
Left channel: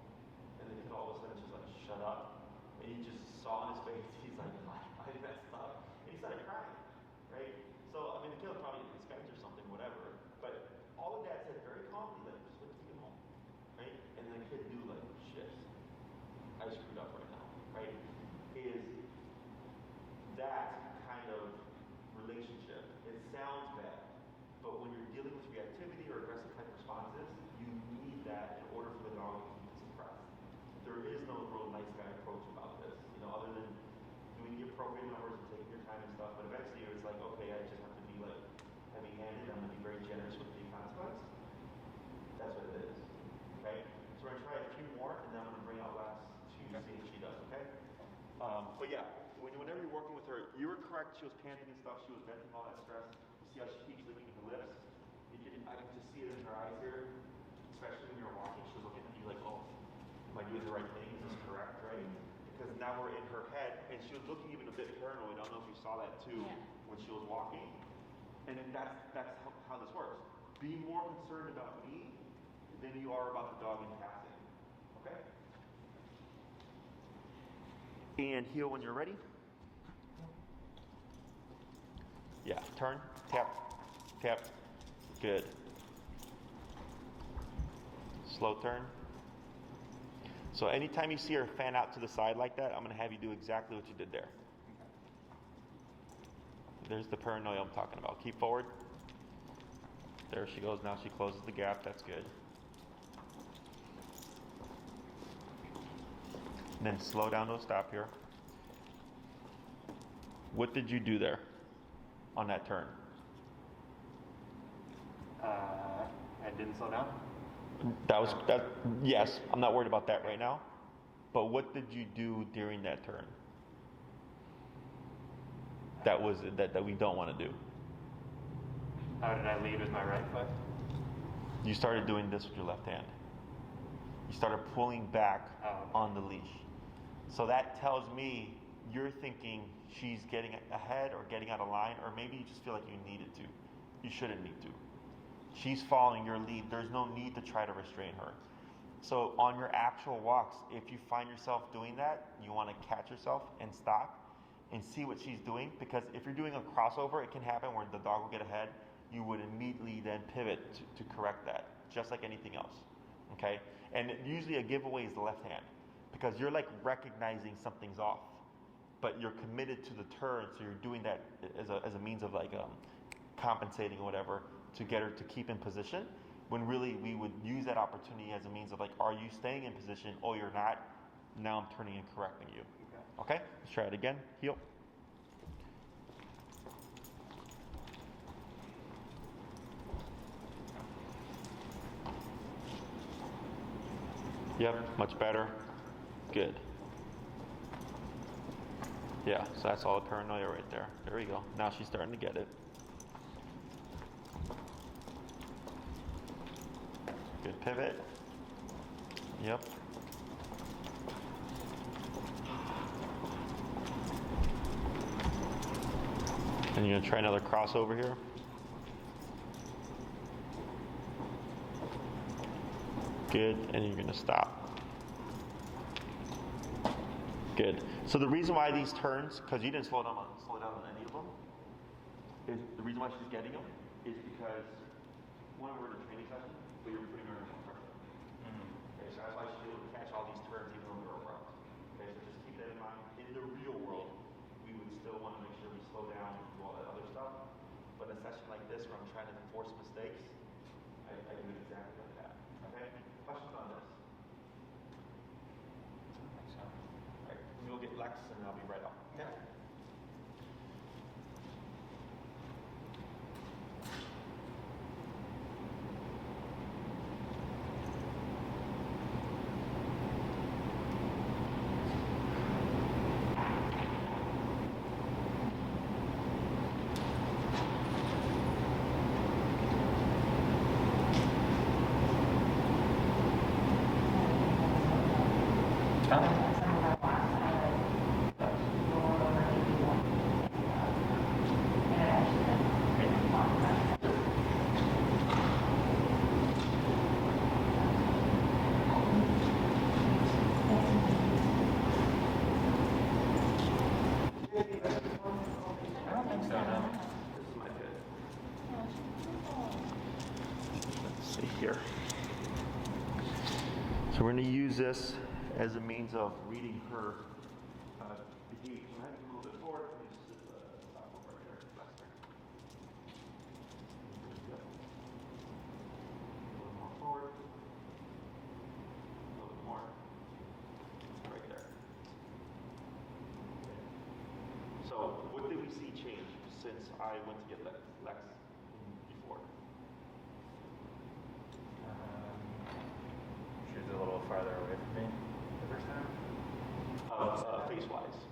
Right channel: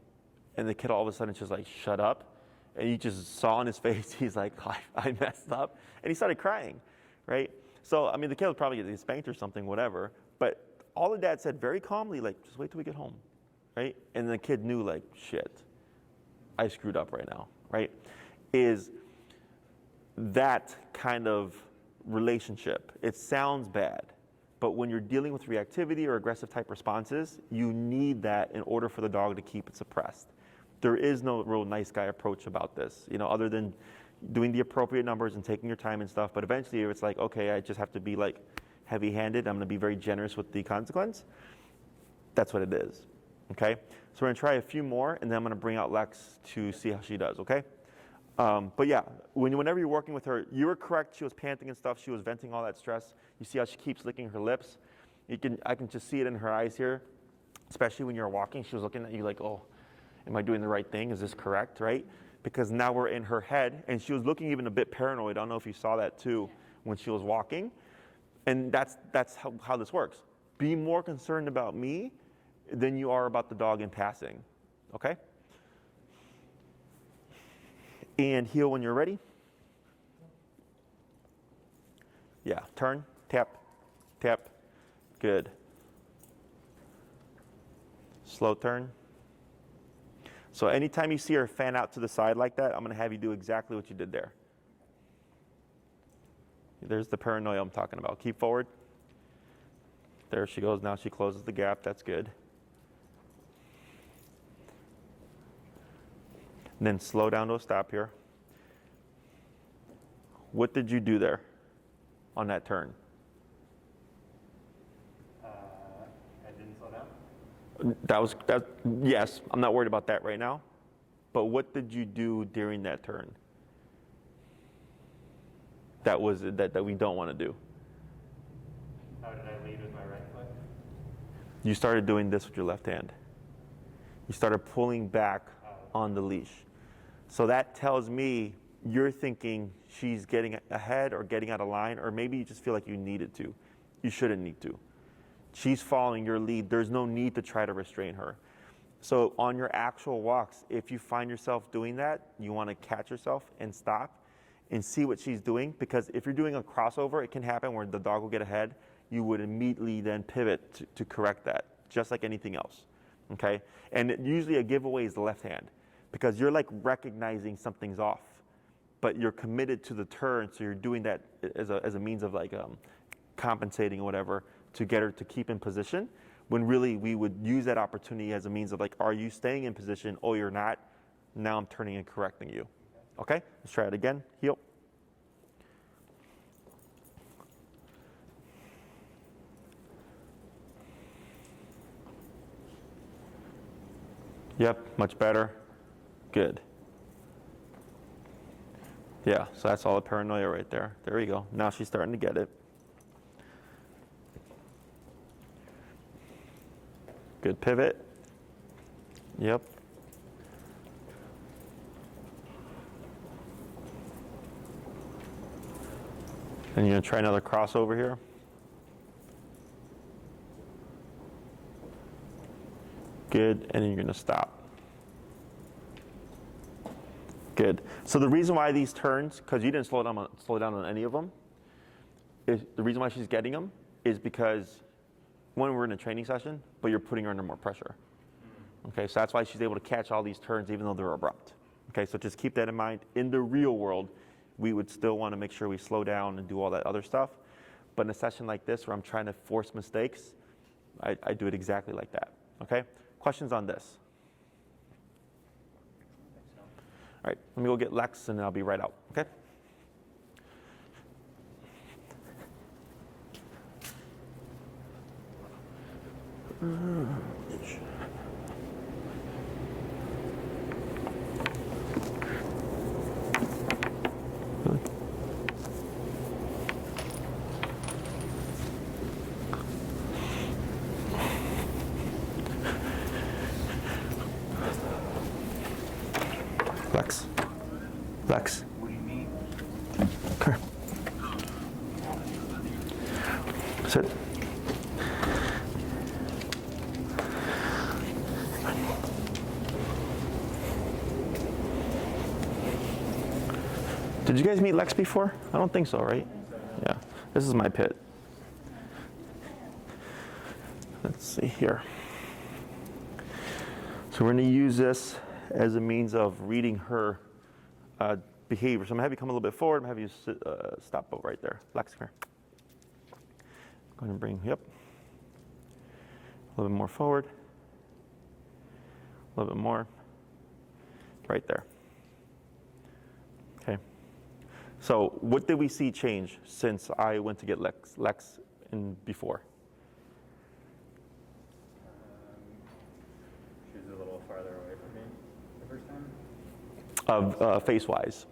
And the kid all of a sudden just like, shut up. And you just saw on his face, he's like, I messed up. And he started crying, right? So, I mean, the kid was probably getting spanked or something, whatever. But all the dad said very calmly, like, just wait till we get home, right? And the kid knew like, shit, I screwed up right now, right? Is that kind of relationship. It sounds bad, but when you're dealing with reactivity or aggressive type responses, you need that in order for the dog to keep it suppressed. There is no real nice guy approach about this, other than doing the appropriate numbers and taking your time and stuff. But eventually it's like, okay, I just have to be like heavy-handed. I'm gonna be very generous with the consequence. That's what it is, okay? So we're gonna try a few more, and then I'm gonna bring out Lex to see how she does, okay? But yeah, whenever you're working with her, you were correct. She was panting and stuff. She was venting all that stress. You see how she keeps licking her lips? I can just see it in her eyes here, especially when you're walking. She was looking at you like, oh, am I doing the right thing? Is this correct, right? Because now we're in her head, and she was looking even a bit paranoid. I don't know if you saw that too when she was walking. And that's how this works. Be more concerned about me than you are about the dog in passing, okay? And heel when you're ready. Yeah, turn, tap, tap, good. Slow turn. So anytime you see her fan out to the side like that, I'm gonna have you do exactly what you did there. There's the paranoia I'm talking about. Keep forward. There she goes, now she closes the gap, that's good. And then slow down to a stop here. What did you do there on that turn? I didn't slow down. Yes, I'm not worried about that right now. But what did you do during that turn? That we don't want to do. How did I lead with my right foot? You started doing this with your left hand. You started pulling back on the leash. So that tells me you're thinking she's getting ahead or getting out of line, or maybe you just feel like you needed to. You shouldn't need to. She's following your lead. There's no need to try to restrain her. So on your actual walks, if you find yourself doing that, you want to catch yourself and stop and see what she's doing, because if you're doing a crossover, it can happen where the dog will get ahead. You would immediately then pivot to correct that, just like anything else, okay? And usually a giveaway is the left hand, because you're like recognizing something's off, but you're committed to the turn, so you're doing that as a means of like compensating or whatever to get her to keep in position, when really we would use that opportunity as a means of like, are you staying in position? Oh, you're not. Now I'm turning and correcting you. Okay, let's try it again. Heel. Yep, much better. Good. Yeah, so that's all the paranoia right there. There we go. Now she's starting to get it. Good pivot. Yep. And you're gonna try another crossover here. Good, and then you're gonna stop. Good. So the reason why these turns, because you didn't slow down on any of them, is the reason why she's getting them is because when we're in a training session, but you're putting her under more pressure. Okay, so that's why she's able to catch all these turns even though they're abrupt. Okay, so just keep that in mind. In the real world, we would still want to make sure we slow down and do all that other stuff. But in a session like this where I'm trying to force mistakes, I do it exactly like that. Okay? Questions on this? All right, let me go get Lex and I'll be right out. Okay? Lex. Come here. Sit. Did you guys meet Lex before? I don't think so, right? I think so, no. Yeah. This is my pit. Let's see here. So we're going to use this as a means of reading her behavior. So I'm going to have you come a little bit forward. I'm going to have you sit, stop over right there. Lex, come here. I'm going to bring, yep. A little bit more forward. A little bit more. Right there. Okay. So what did we see change since I went to get Lex in before? She was a little farther away from me the first time. Face-wise.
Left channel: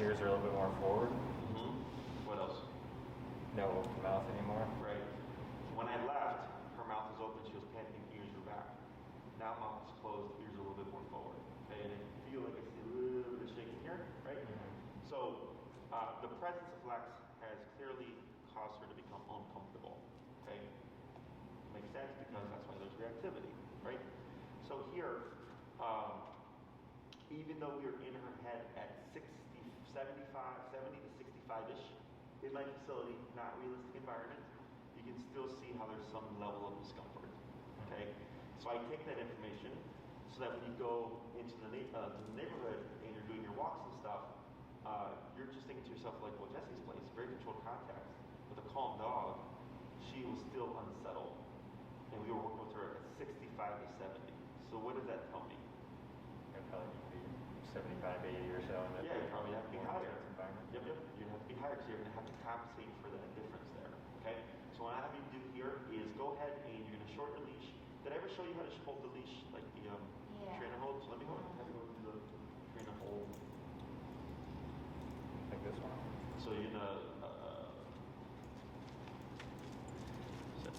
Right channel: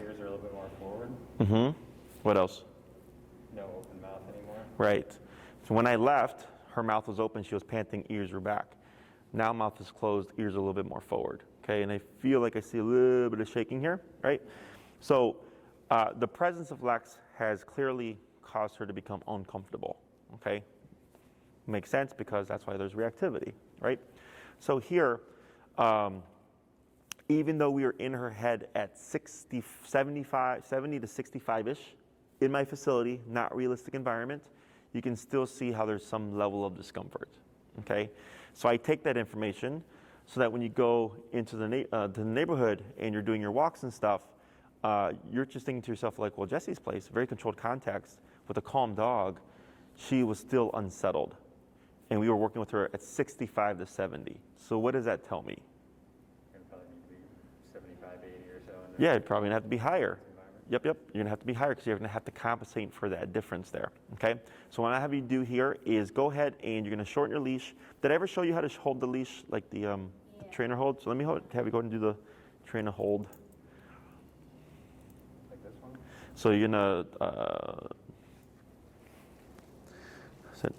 Ears are a little bit more forward. Mm-hmm. What else? No open mouth anymore. Right. So when I left, her mouth was open. She was panting. Ears were back. Now mouth is closed. Ears are a little bit more forward. Okay. And I feel like I see a little bit of shaking here. Right. So the presence of Lex has clearly caused her to become uncomfortable. Okay. Makes sense because that's why there's reactivity. Right. So here, even though we were in her head at 70 to 65-ish, in my facility, not realistic environment, you can still see how there's some level of discomfort, okay? So I take that information so that when you go into the neighborhood and you're doing your walks and stuff, you're just thinking to yourself like, well, Jesse's place, very controlled context with a calm dog, she was still unsettled. And we were working with her at 65 to 70. So what does that tell me? It'll probably be 75, 80 or so. Yeah, you're probably gonna have to be higher. Yep, you're gonna have to be higher because you're gonna have to compensate for that difference there, okay? So what I have you do here is go ahead and you're gonna shorten your leash. Did I ever show you how to hold the leash like the trainer hold? So let me have you go ahead and do the trainer hold. Like this one? So you're gonna sit,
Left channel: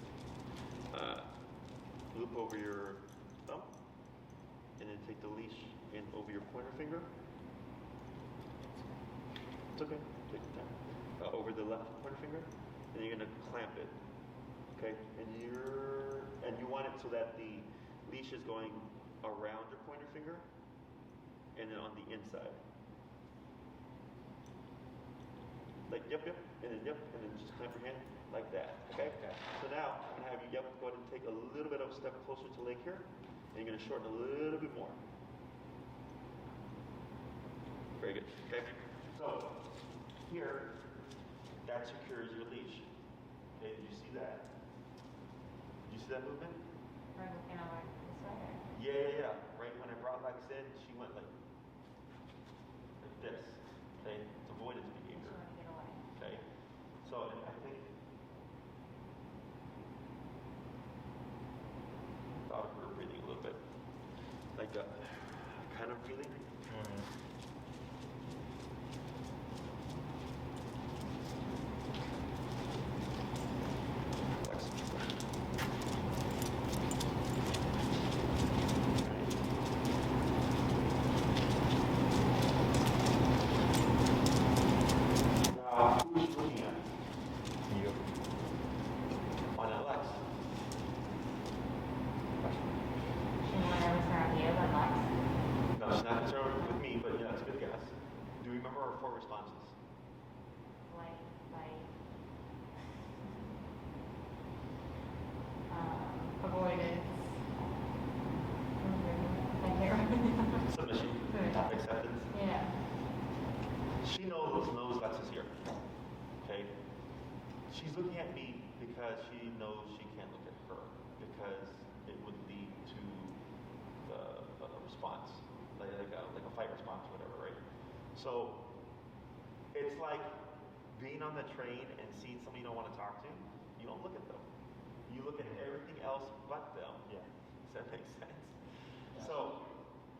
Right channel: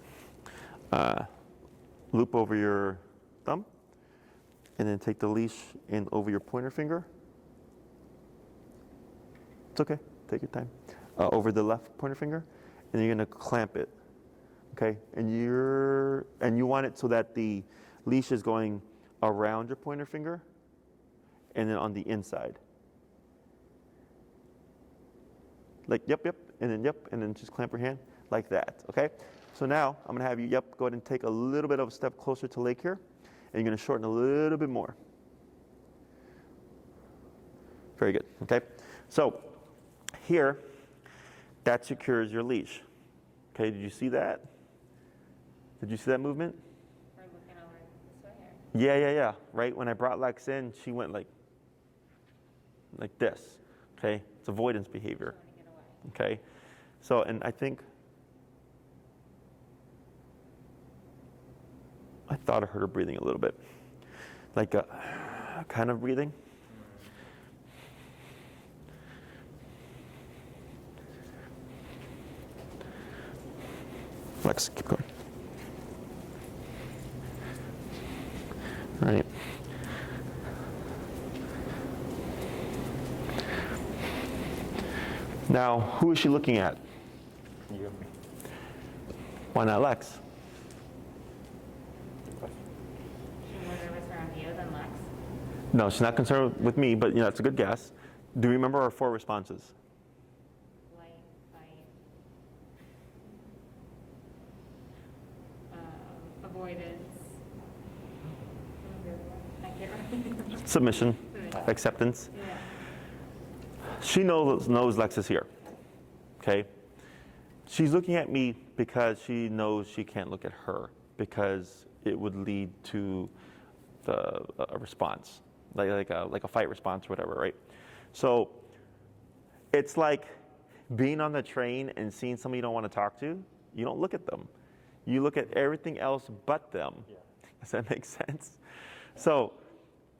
loop over your thumb and then take the leash in over your pointer finger. It's okay, take your time. Over the left pointer finger, and then you're gonna clamp it, okay? And you want it so that the leash is going around your pointer finger, and then on the inside. Like, yep, and then just clamp your hand like that, okay? So now, I'm gonna have you, go ahead and take a little bit of a step closer to Lake here, and you're gonna shorten a little bit more. Very good, okay? So, here, that secures your leash. Okay, did you see that? Did you see that movement? We're looking over this way. Yeah. Right, when I brought Lex in, she went like this, okay? It's avoidance behavior, okay? So, and I think, I thought I heard her breathing a little bit. Like a kind of breathing. Lex, keep going. All right. Now, who is she looking at? You. Why not Lex? No, she's not concerned with me, but it's a good guess. Do you remember our 4 responses? Like, avoidance. I can't remember. Submission, acceptance. Yeah. She knows Lex is here, okay? She's looking at me because she knows she can't look at her because it would lead to a response, like a fight response or whatever, right? So it's like being on the train and seeing somebody you don't want to talk to. You don't look at them. You look at everything else but them. Yeah. Does that make sense? So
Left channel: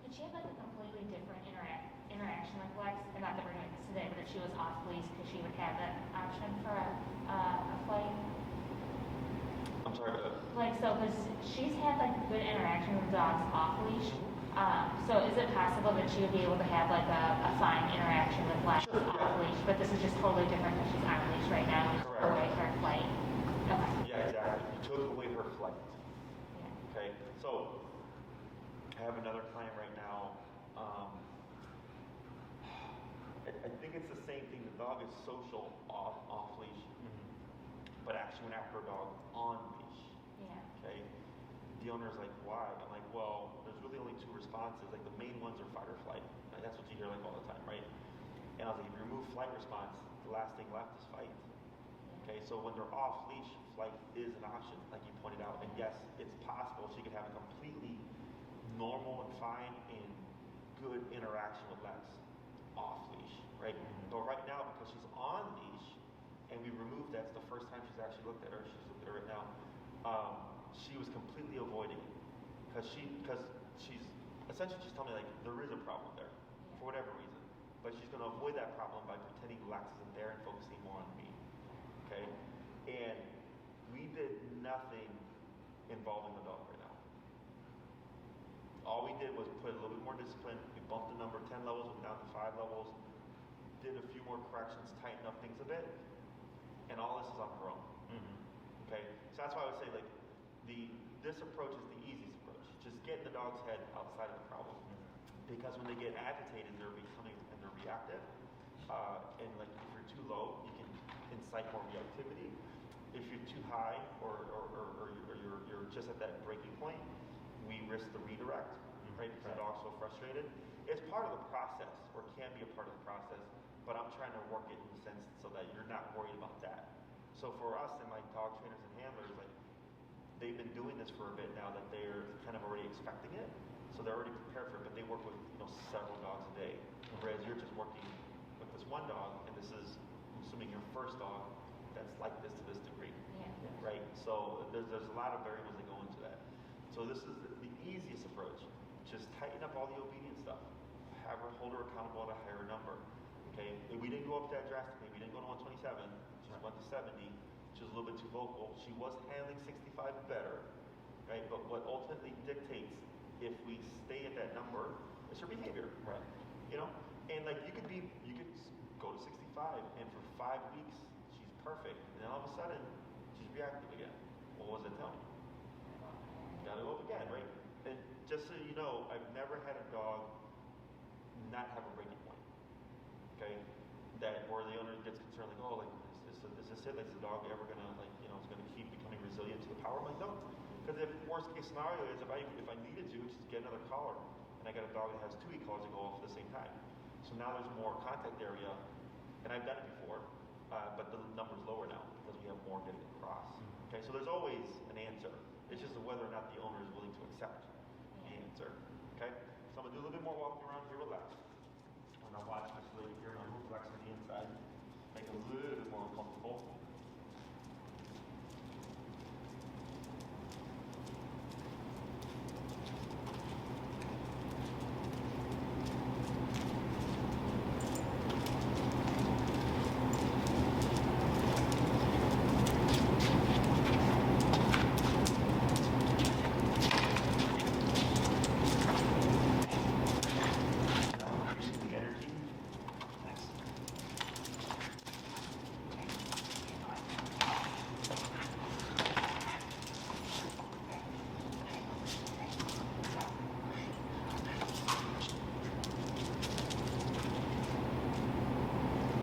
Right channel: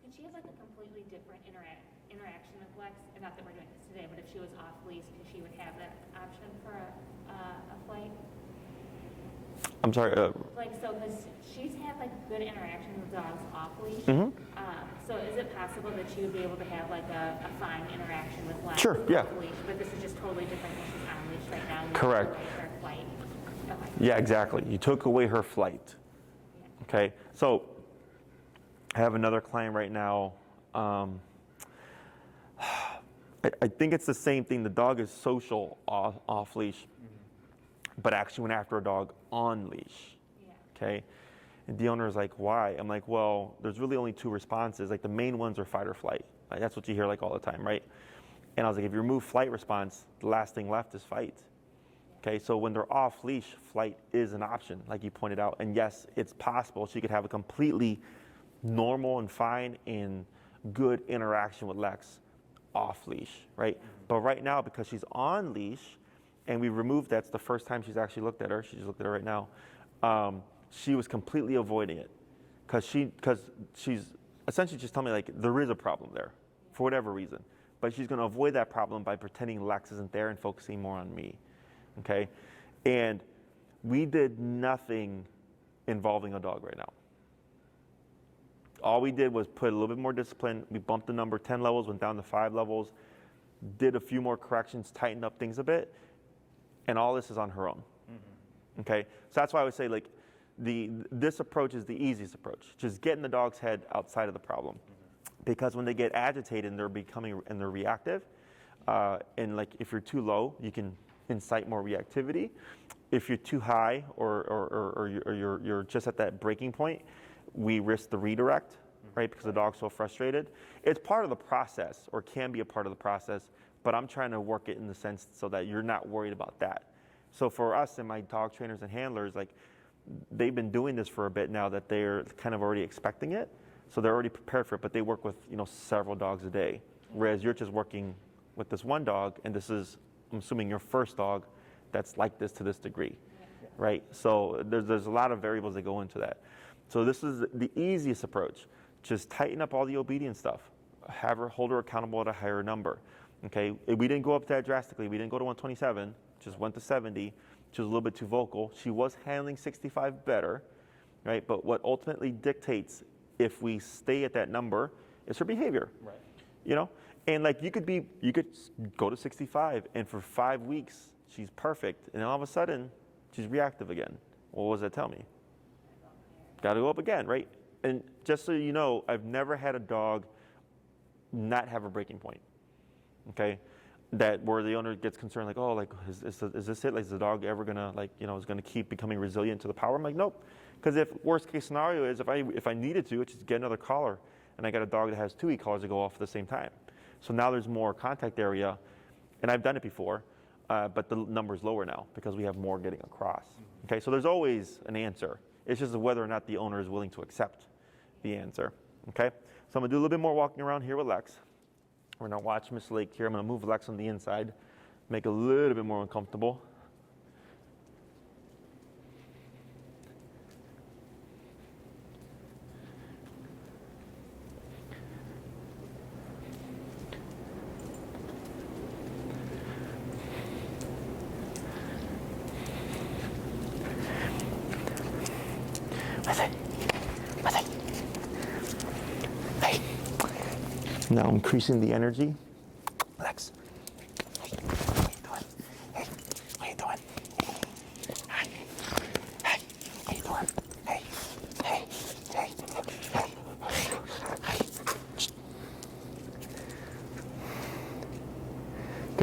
Did she have like a completely different interaction with Lex? And not that we're doing this today, but if she was off leash, because she would have that option for a flight. I'm sorry. Like, so, because she's had like good interaction with dogs off leash. Mhm. So is it possible that she would be able to have like a fine interaction with Lex Sure, yeah. off leash? But this is just totally different because she's on leash right now. and Correct. Away her flight. Okay. Yeah, exactly. You took away her flight. Okay, so I have another client right now. I think it's the same thing. The dog is social off leash, but actually went after a dog on leash. Yeah. Okay, and the owner is like, "Why?" I'm like, "Well, there's really only 2 responses. Like the main ones are fight or flight. Like, that's what you hear like all the time, right?" And I was like, "If you remove flight response, the last thing left is fight." Okay, so when they're off leash, flight is an option, like you pointed out. And yes, it's possible she could have a completely normal and fine and good interaction with Lex off leash, right? But right now, because she's on leash, and we removed that's the first time she's actually looked at her. She just looked at her right now. She was completely avoiding it because she's essentially just telling me like there is a problem there for whatever reason, but she's going to avoid that problem by pretending Lex isn't there and focusing more on me. Okay, and we did nothing involving a dog right now. All we did was put a little bit more discipline. We bumped the number 10 levels, went down to 5 levels, did a few more corrections, tightened up things a bit, and all this is on her own. Mm-hmm. Okay, so that's why I would say like this approach is the easiest approach, just getting the dog's head outside of the problem, because when they get agitated and they're reactive, and like if you're too low, you can incite more reactivity. If you're too high or you're just at that breaking point, we risk the redirect, right? Because the dog's so frustrated. It's part of the process, or can be a part of the process, but I'm trying to work it in the sense so that you're not worried about that. So for us and my dog trainers and handlers, like they've been doing this for a bit now that they're kind of already expecting it. So they're already prepared for it, but they work with several dogs a day. Whereas you're just working with this one dog, and this is, I'm assuming, your first dog that's like this to this degree, right? So there's a lot of variables that go into that. So this is the easiest approach. Just tighten up all the obedience stuff. Hold her accountable at a higher number. Okay, we didn't go up that drastically. We didn't go to 127, just went to 70. She was a little bit too vocal. She was handling 65 better, right? But what ultimately dictates if we stay at that number is her behavior, right? And like you could go to 65, and for 5 weeks she's perfect, and then all of a sudden she's reactive again. Well, what does that tell me? Got to go up again, right? And just so you know, I've never had a dog not have a breaking point. Okay, that where the owner gets concerned, like, oh, like is this it? Like, is the dog ever gonna is gonna keep becoming resilient to the power? I'm like, nope. Because if worst case scenario is if I needed to, it's just get another collar, and I got a dog that has 2 e-collars that go off at the same time. So now there's more contact area, and I've done it before, but the number's lower now because we have more getting across. Okay, so there's always an answer. It's just whether or not the owner is willing to accept the answer. Okay, so I'm gonna do a little bit more walking around here with Lex. We're gonna watch Miss Lake here. I'm gonna move Lex on the inside, make it a little bit more uncomfortable. Now increasing the energy. Lex. Hey, how you doing? Hi. Hey, how you doing? Hey, hey, hey, hey, hey.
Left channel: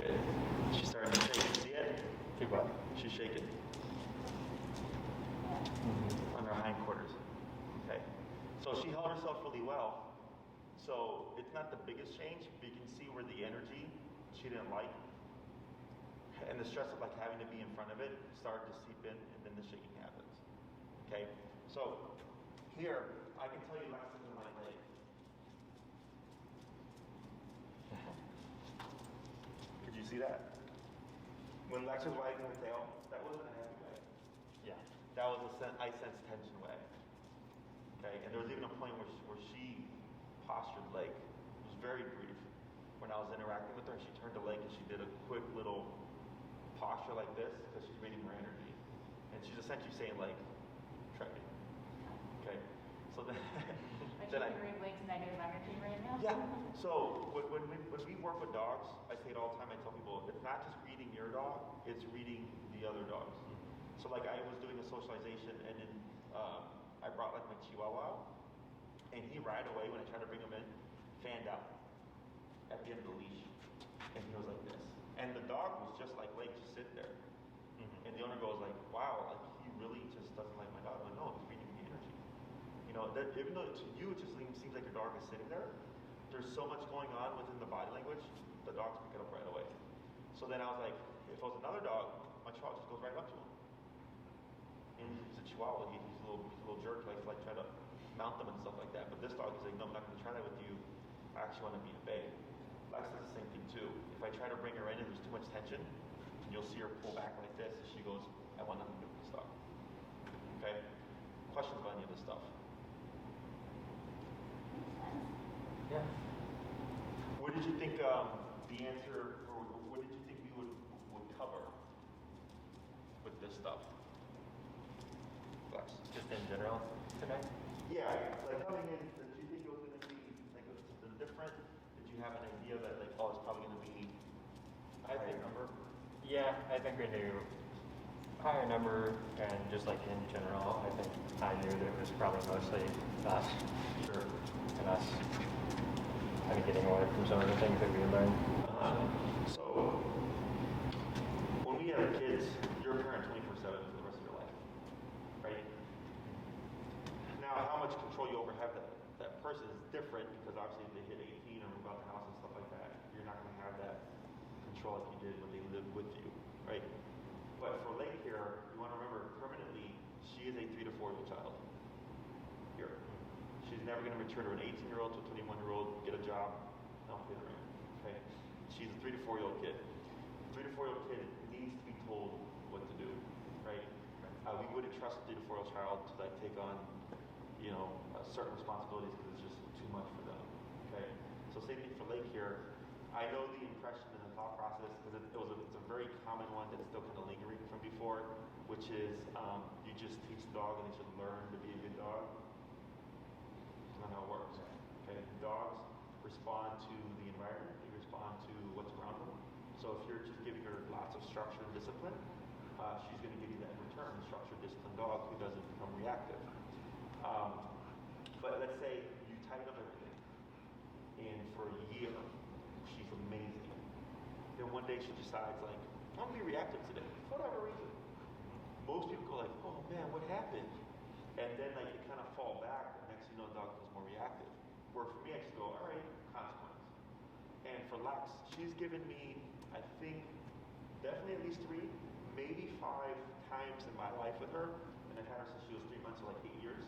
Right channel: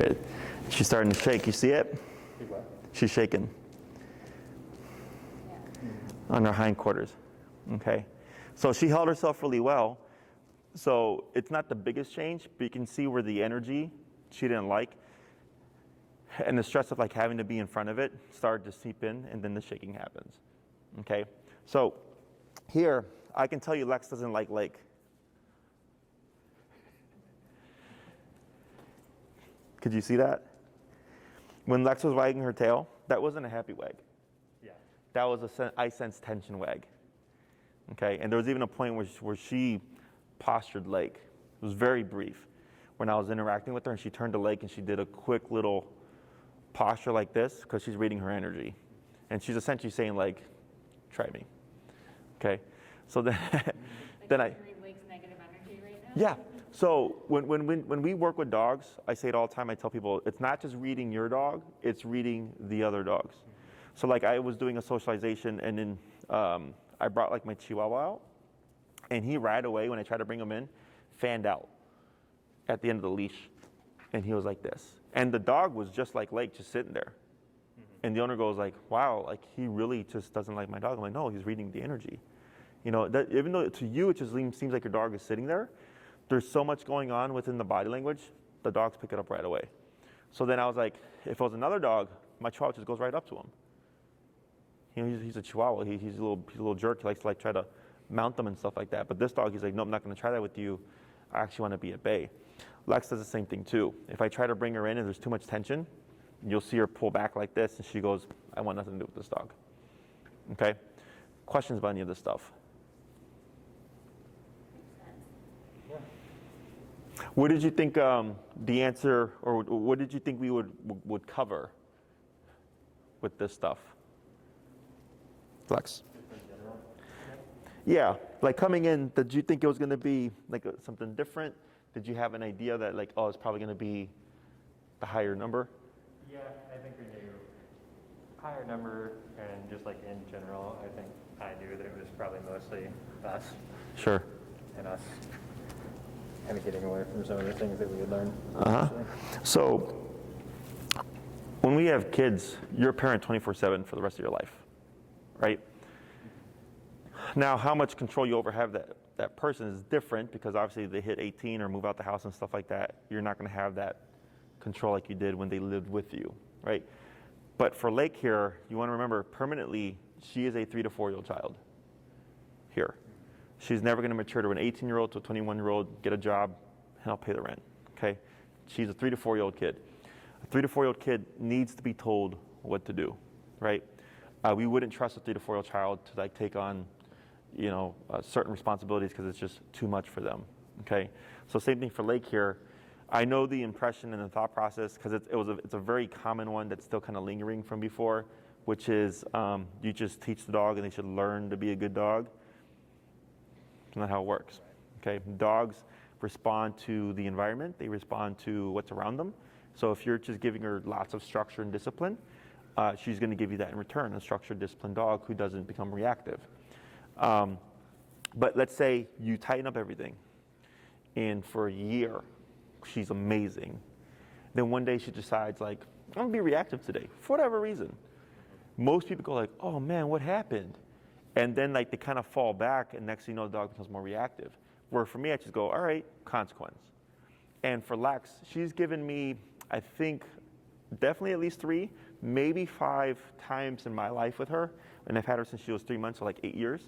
Good. She's starting to shake. You see it? See what? She's shaking on her hindquarters. Okay. So she held herself really well. So it's not the biggest change, but you can see where the energy she didn't like and the stress of like having to be in front of it started to seep in, and then the shaking happens. Okay. So here, I can tell you Lex doesn't like Lake. Could you see that? When Lex was wagging her tail, that wasn't a happy wag. Yeah. That was I sensed tension wag. Okay, and there was even a point where she postured Lake. It was very brief. When I was interacting with her and she turned to Lake and she did a quick little posture like this because she's reading her energy. And she's essentially saying like, try me. Okay, so then, then I... Lake's negative energy right now? Yeah. So when we work with dogs, I say it all the time. I tell people it's not just reading your dog; it's reading the other dogs. So like I was doing a socialization, and then I brought like my Chihuahua out, and he right away when I tried to bring him in, fanned out at the end of the leash, and he was like this. And the dog was just like Lake, just sitting there. And the owner goes like, "Wow, like he really just doesn't like my dog." I'm like, "No, he's reading the energy." You know, that even though to you it just seems like your dog is sitting there. There's so much going on within the body language, the dogs pick it up right away. So then I was like, if it was another dog, my Chihuahua just goes right up to him. You know, he's a Chihuahua. He's a little jerk. He likes to like try to mount them and stuff like that. But this dog, he's like, no, I'm not going to try that with you. I actually want to be at bay. Lex does the same thing too. If I try to bring her in and there's too much tension, you'll see her pull back like this, and she goes, I want nothing to do with this dog. Okay? Questions about any of this stuff? Yeah. What did you think the answer, or what did you think we would cover with this stuff? Flex. Just in general today? Yeah, like coming in, did you think it was going to be like something different? Did you have an idea that like, oh, it's probably going to be a higher number? Yeah, I think we knew higher number, and just like in general, I think I knew that it was probably mostly us. Sure. And us kind of getting away from some of the things that we had learned. Uh-huh. So when we have kids, you're a parent 24/7 for the rest of your life, right? Now, how much control you over have that person is different, because obviously they hit 18 or move out the house and stuff like that. You're not going to have that control like you did when they lived with you, right? But for Lake here, you want to remember permanently, she is a 3 to 4 year old child here. She's never going to mature to an 18-year-old to a 21-year-old, get a job, and I'll pay the rent, okay? She's a 3 to 4 year old kid. A 3 to 4 year old kid needs to be told what to do, right? We wouldn't trust a 3 to 4 year old child to like take on, you know, certain responsibilities because it's just too much for them, okay? So same thing for Lake here. I know the impression and the thought process, because it's a very common one that's still kind of lingering from before, which is you just teach the dog and they should learn to be a good dog. That's not how it works, okay? Dogs respond to the environment. They respond to what's around them. So if you're just giving her lots of structure and discipline, she's going to give you that in return, a structured, disciplined dog who doesn't become reactive. But let's say you tighten up everything, and for a year, she's amazing. Then one day she decides, like, I'm going to be reactive today, for whatever reason. Most people go like, oh man, what happened? And then like they kind of fall back, and next thing you know, the dog becomes more reactive. Where for me, I just go, all right, consequence. And for Lex, she's given me, I think, definitely at least 3, maybe 5 times in my life with her, and I've had her since she was 3 months, so like 8 years,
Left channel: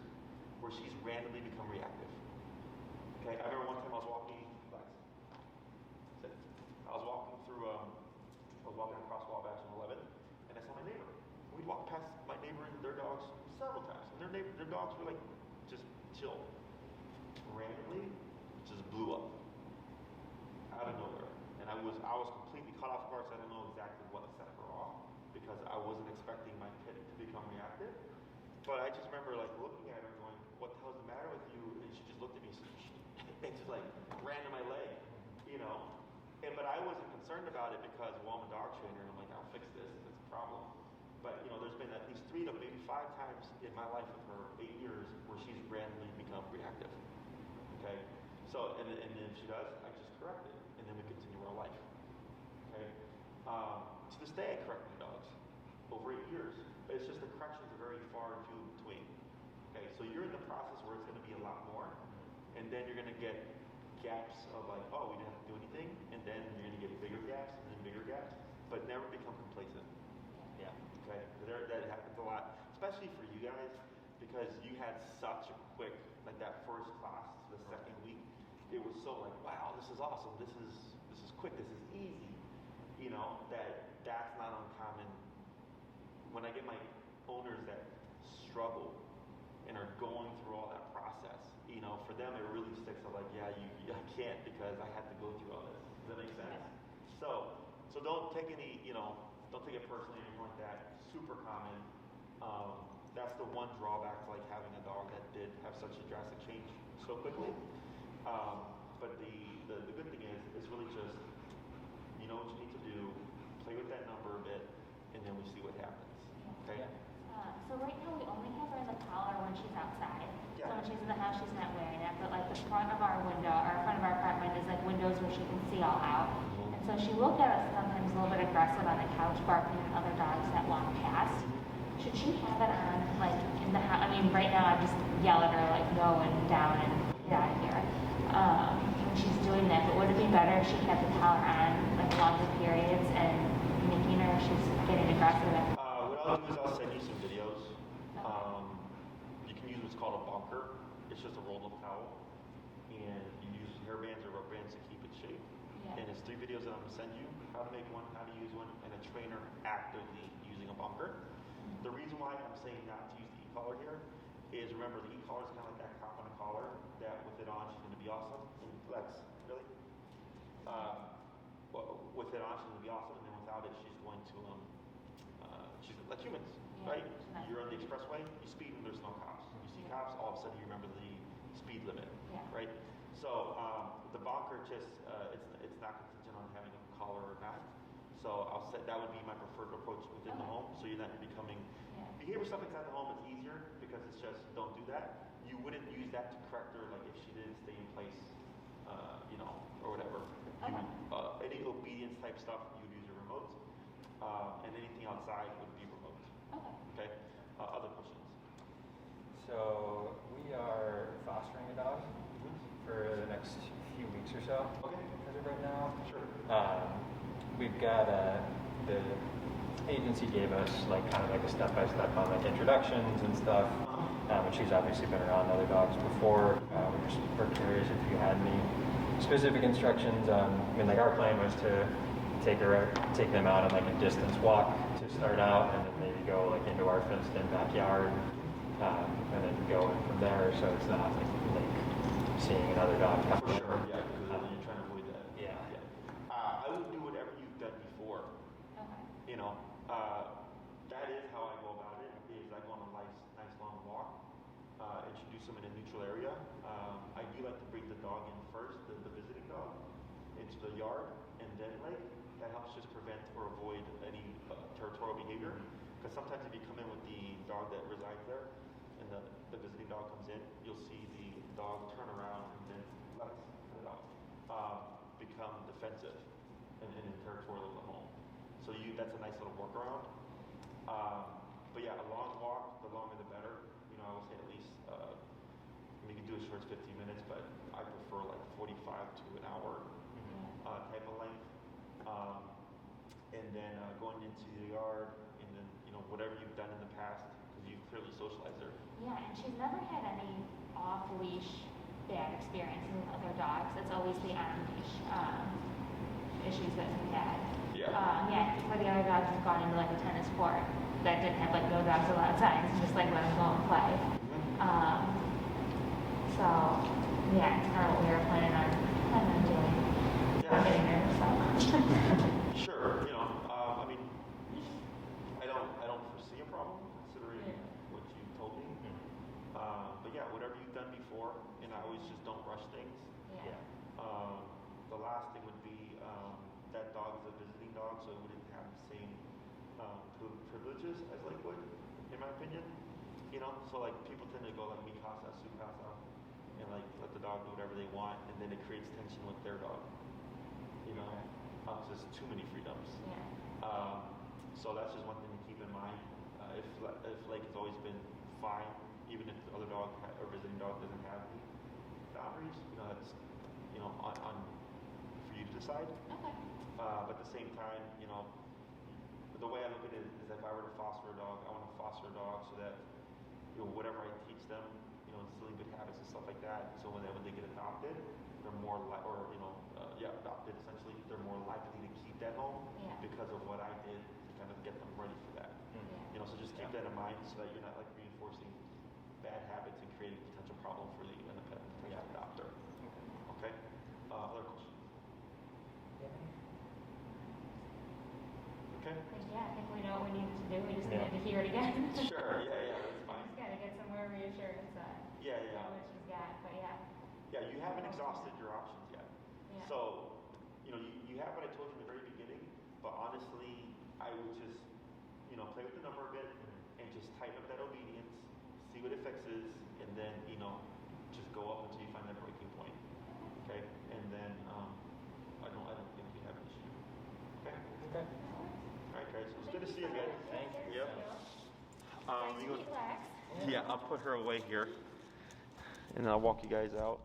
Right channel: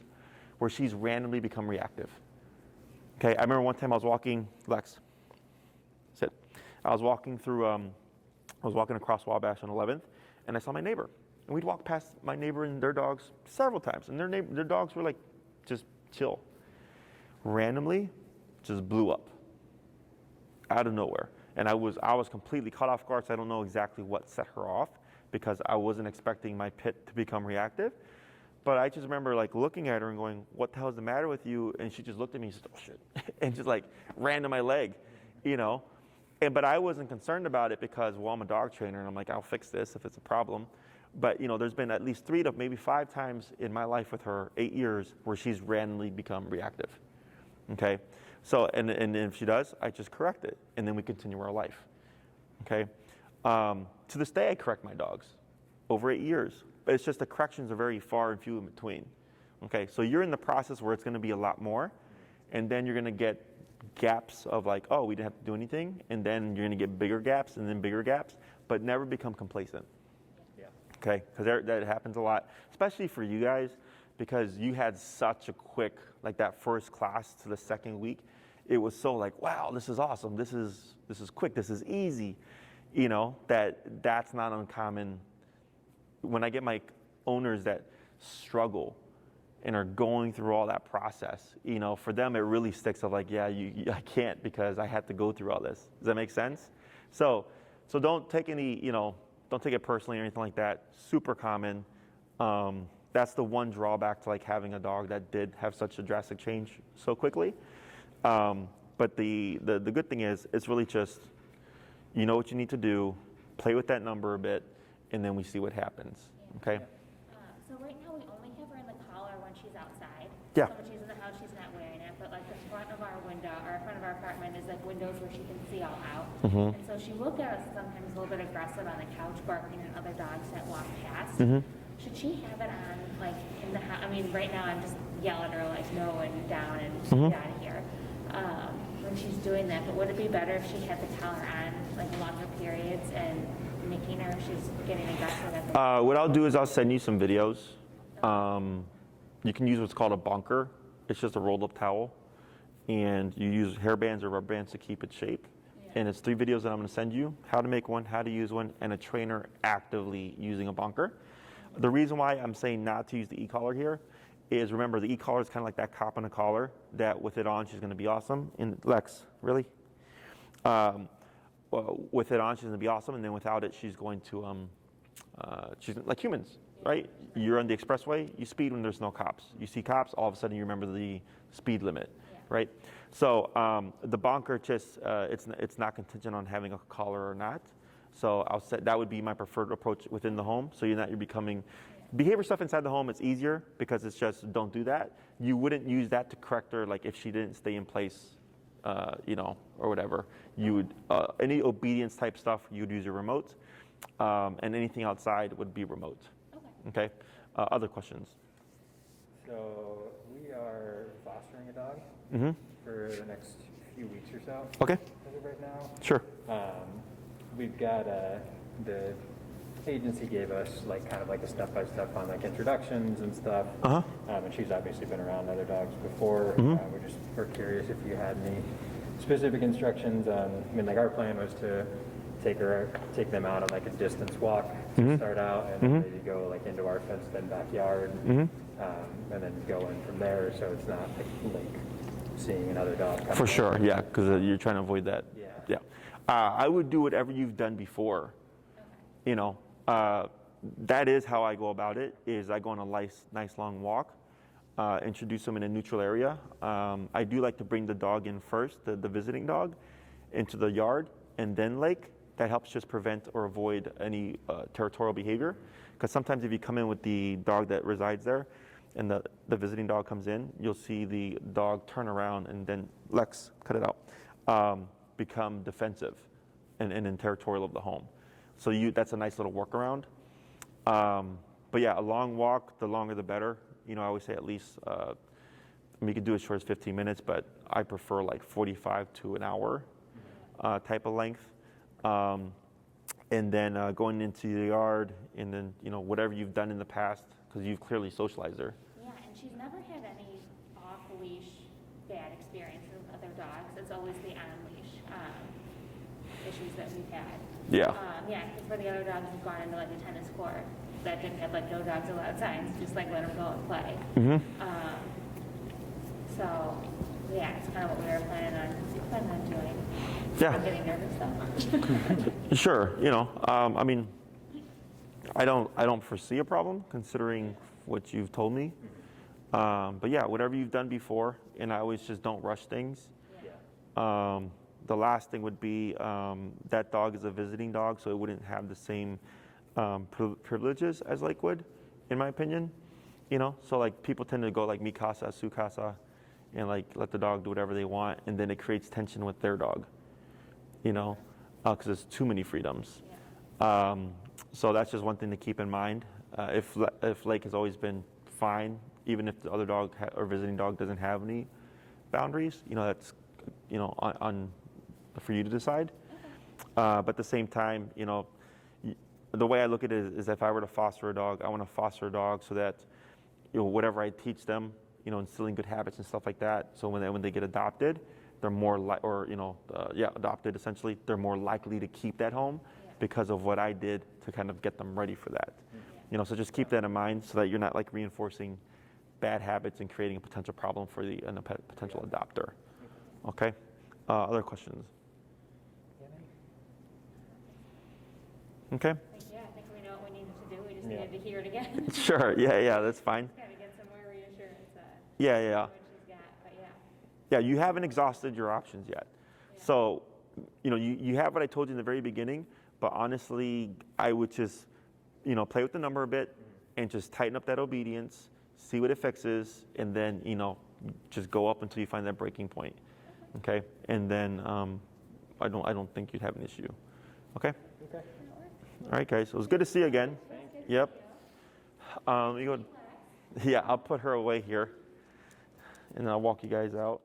where she's randomly become reactive. Okay, I remember one time I was walking, Lex, sit. I was walking across Wabash on 11th, and I saw my neighbor. And we'd walk past my neighbor and their dogs several times, and their dogs were like just chill. Randomly, just blew up out of nowhere, and I was completely caught off guard. So I don't know exactly what set her off, because I wasn't expecting my pit to become reactive. But I just remember like looking at her and going, "What the hell is the matter with you?" And she just looked at me and said, "Oh shit," and just like ran to my leg, you know. But I wasn't concerned about it because, well, I'm a dog trainer, and I'm like, I'll fix this if it's a problem. But you know, there's been at least 3 to maybe 5 times in my life with her, 8 years, where she's randomly become reactive. Okay, so and if she does, I just correct it, and then we continue our life. Okay, To this day, I correct my dogs over 8 years. But it's just the corrections are very far and few in between. Okay, so you're in the process where it's going to be a lot more, and then you're going to get gaps of like, oh, we didn't have to do anything, and then you're going to get bigger gaps and then bigger gaps, but never become complacent. Yeah. Okay, because that happens a lot, especially for you guys, because you had such a quick, like that first class to the second week, it was so like, wow, this is awesome, this is quick, this is easy, you know, that's not uncommon. When I get my owners that struggle and are going through all that process, you know, for them it really sticks of like, yeah, I can't because I had to go through all this. Does that make sense? So don't take any, you know, don't take it personally or anything like that. Super common. That's the one drawback to like having a dog that did have such a drastic change so quickly. But the good thing is, it's really just, you know what you need to do, play with that number a bit, and then we see what happens. Okay? So right now we only have her in the collar when she's outside. Yeah. So when she's in the house, she's not wearing it. But like the front of our window, or front of our apartment is like windows where she can see all out. Mm-hmm. And so she will get us sometimes a little bit aggressive on the couch, barking at other dogs that walk past. Mm-hmm. Should she have it on like in the house? I mean, right now I'm just yelling at her like no and down and get out of here. When she's doing that, but would it be better if she had the collar on like longer periods and making her she's getting aggressive at the What I'll do is I'll send you some videos. You can use what's called a bunker. It's just a rolled up towel, and you use hair bands or rubber bands to keep its shape. Yeah. And it's 3 videos that I'm going to send you: how to make one, how to use one, and a trainer actively using a bunker. The reason why I'm saying not to use the e-collar here is, remember, the e-collar is kind of like that cop on a collar that with it on she's going to be awesome. And Lex, really? Well, with it on she's going to be awesome, and then without it she's going to she's like humans, right? You're on the expressway, you speed when there's no cops. You see cops, all of a sudden you remember the speed limit, right? So the bunker just it's not contingent on having a collar or not. So I'll say that would be my preferred approach within the home. So you're becoming behavior stuff inside the home. It's easier because it's just don't do that. You wouldn't use that to correct her, like if she didn't stay in place, you know, or whatever. You would any obedience type stuff you'd use a remote, and anything outside would be remote. Okay. Other questions? So we are fostering a dog for the next few weeks or so. Okay. As of right now. Sure. We've got the agency gave us like kind of like a step-by-step on like introductions and stuff. And she's obviously been around other dogs before. We're curious if you had any specific instructions. I mean, like our plan was to take them out on like a distance walk to start out, and maybe go like into our fenced-in backyard, and then go in from there. So it's not like seeing another dog. For sure, yeah, because you're trying to avoid that. Yeah. I would do whatever you've done before. You know, that is how I go about it. Is I go on a nice long walk, introduce them in a neutral area. I do like to bring the dog in first, the visiting dog, into the yard, and then lake. That helps just prevent or avoid any territorial behavior. Because sometimes if you come in with the dog that resides there, and the visiting dog comes in, you'll see the dog turn around and then, Lex, cut it out, become defensive and territorial of the home. So that's a nice little workaround. But yeah, a long walk, the longer the better. You know, I always say at least, you can do as short as 15 minutes, but I prefer like 45 to an hour type of length. And then going into the yard, and then, you know, whatever you've done in the past, because you've clearly socialized her. Yeah, and she's never had any off-leash bad experiences with other dogs. It's always the on-leash issues that we've had. Yeah. Yeah, before the other dogs have gone into like a tennis court that didn't have like no dogs allowed signs, just like let them go and play. So yeah, it's kind of what we were planning on doing. Yeah. Not getting nervous, so. Sure. You know, I mean, I don't foresee a problem considering what you've told me. But yeah, whatever you've done before, and I always just don't rush things. The last thing would be that dog is a visiting dog, so it wouldn't have the same privileges as Lake would, in my opinion. You know, so like people tend to go like mi casa, su casa, and like let the dog do whatever they want, and then it creates tension with their dog. You know, because there's too many freedoms. So that's just one thing to keep in mind. If Lake has always been fine, even if the other dog or visiting dog doesn't have any boundaries, that's on for you to decide. But at the same time, the way I look at it is if I were to foster a dog, I want to foster a dog so that whatever I teach them, instilling good habits and stuff like that. So when they get adopted, they're more adopted essentially. They're more likely to keep that home because of what I did to kind of get them ready for that. So just keep that in mind so that you're not like reinforcing bad habits and creating a potential problem for the potential adopter. Okay. Other questions? Okay. Yeah, I think we know what we need to do. We just needed to hear it again. Sure. Yeah. That's fine. Just gotta get some more reassurance that Yeah. what she's got, but yeah. Yeah, you haven't exhausted your options yet. Yeah. So, you have what I told you in the very beginning, but honestly, I would just, play with the number a bit and just tighten up that obedience, see what it fixes, and then, just go up until you find that breaking point. Okay? And then I don't think you'd have an issue. Okay? Okay. All right, guys. It was good to see you again. Yep. You go. Yeah, I'll put her away here, and I'll walk you guys out.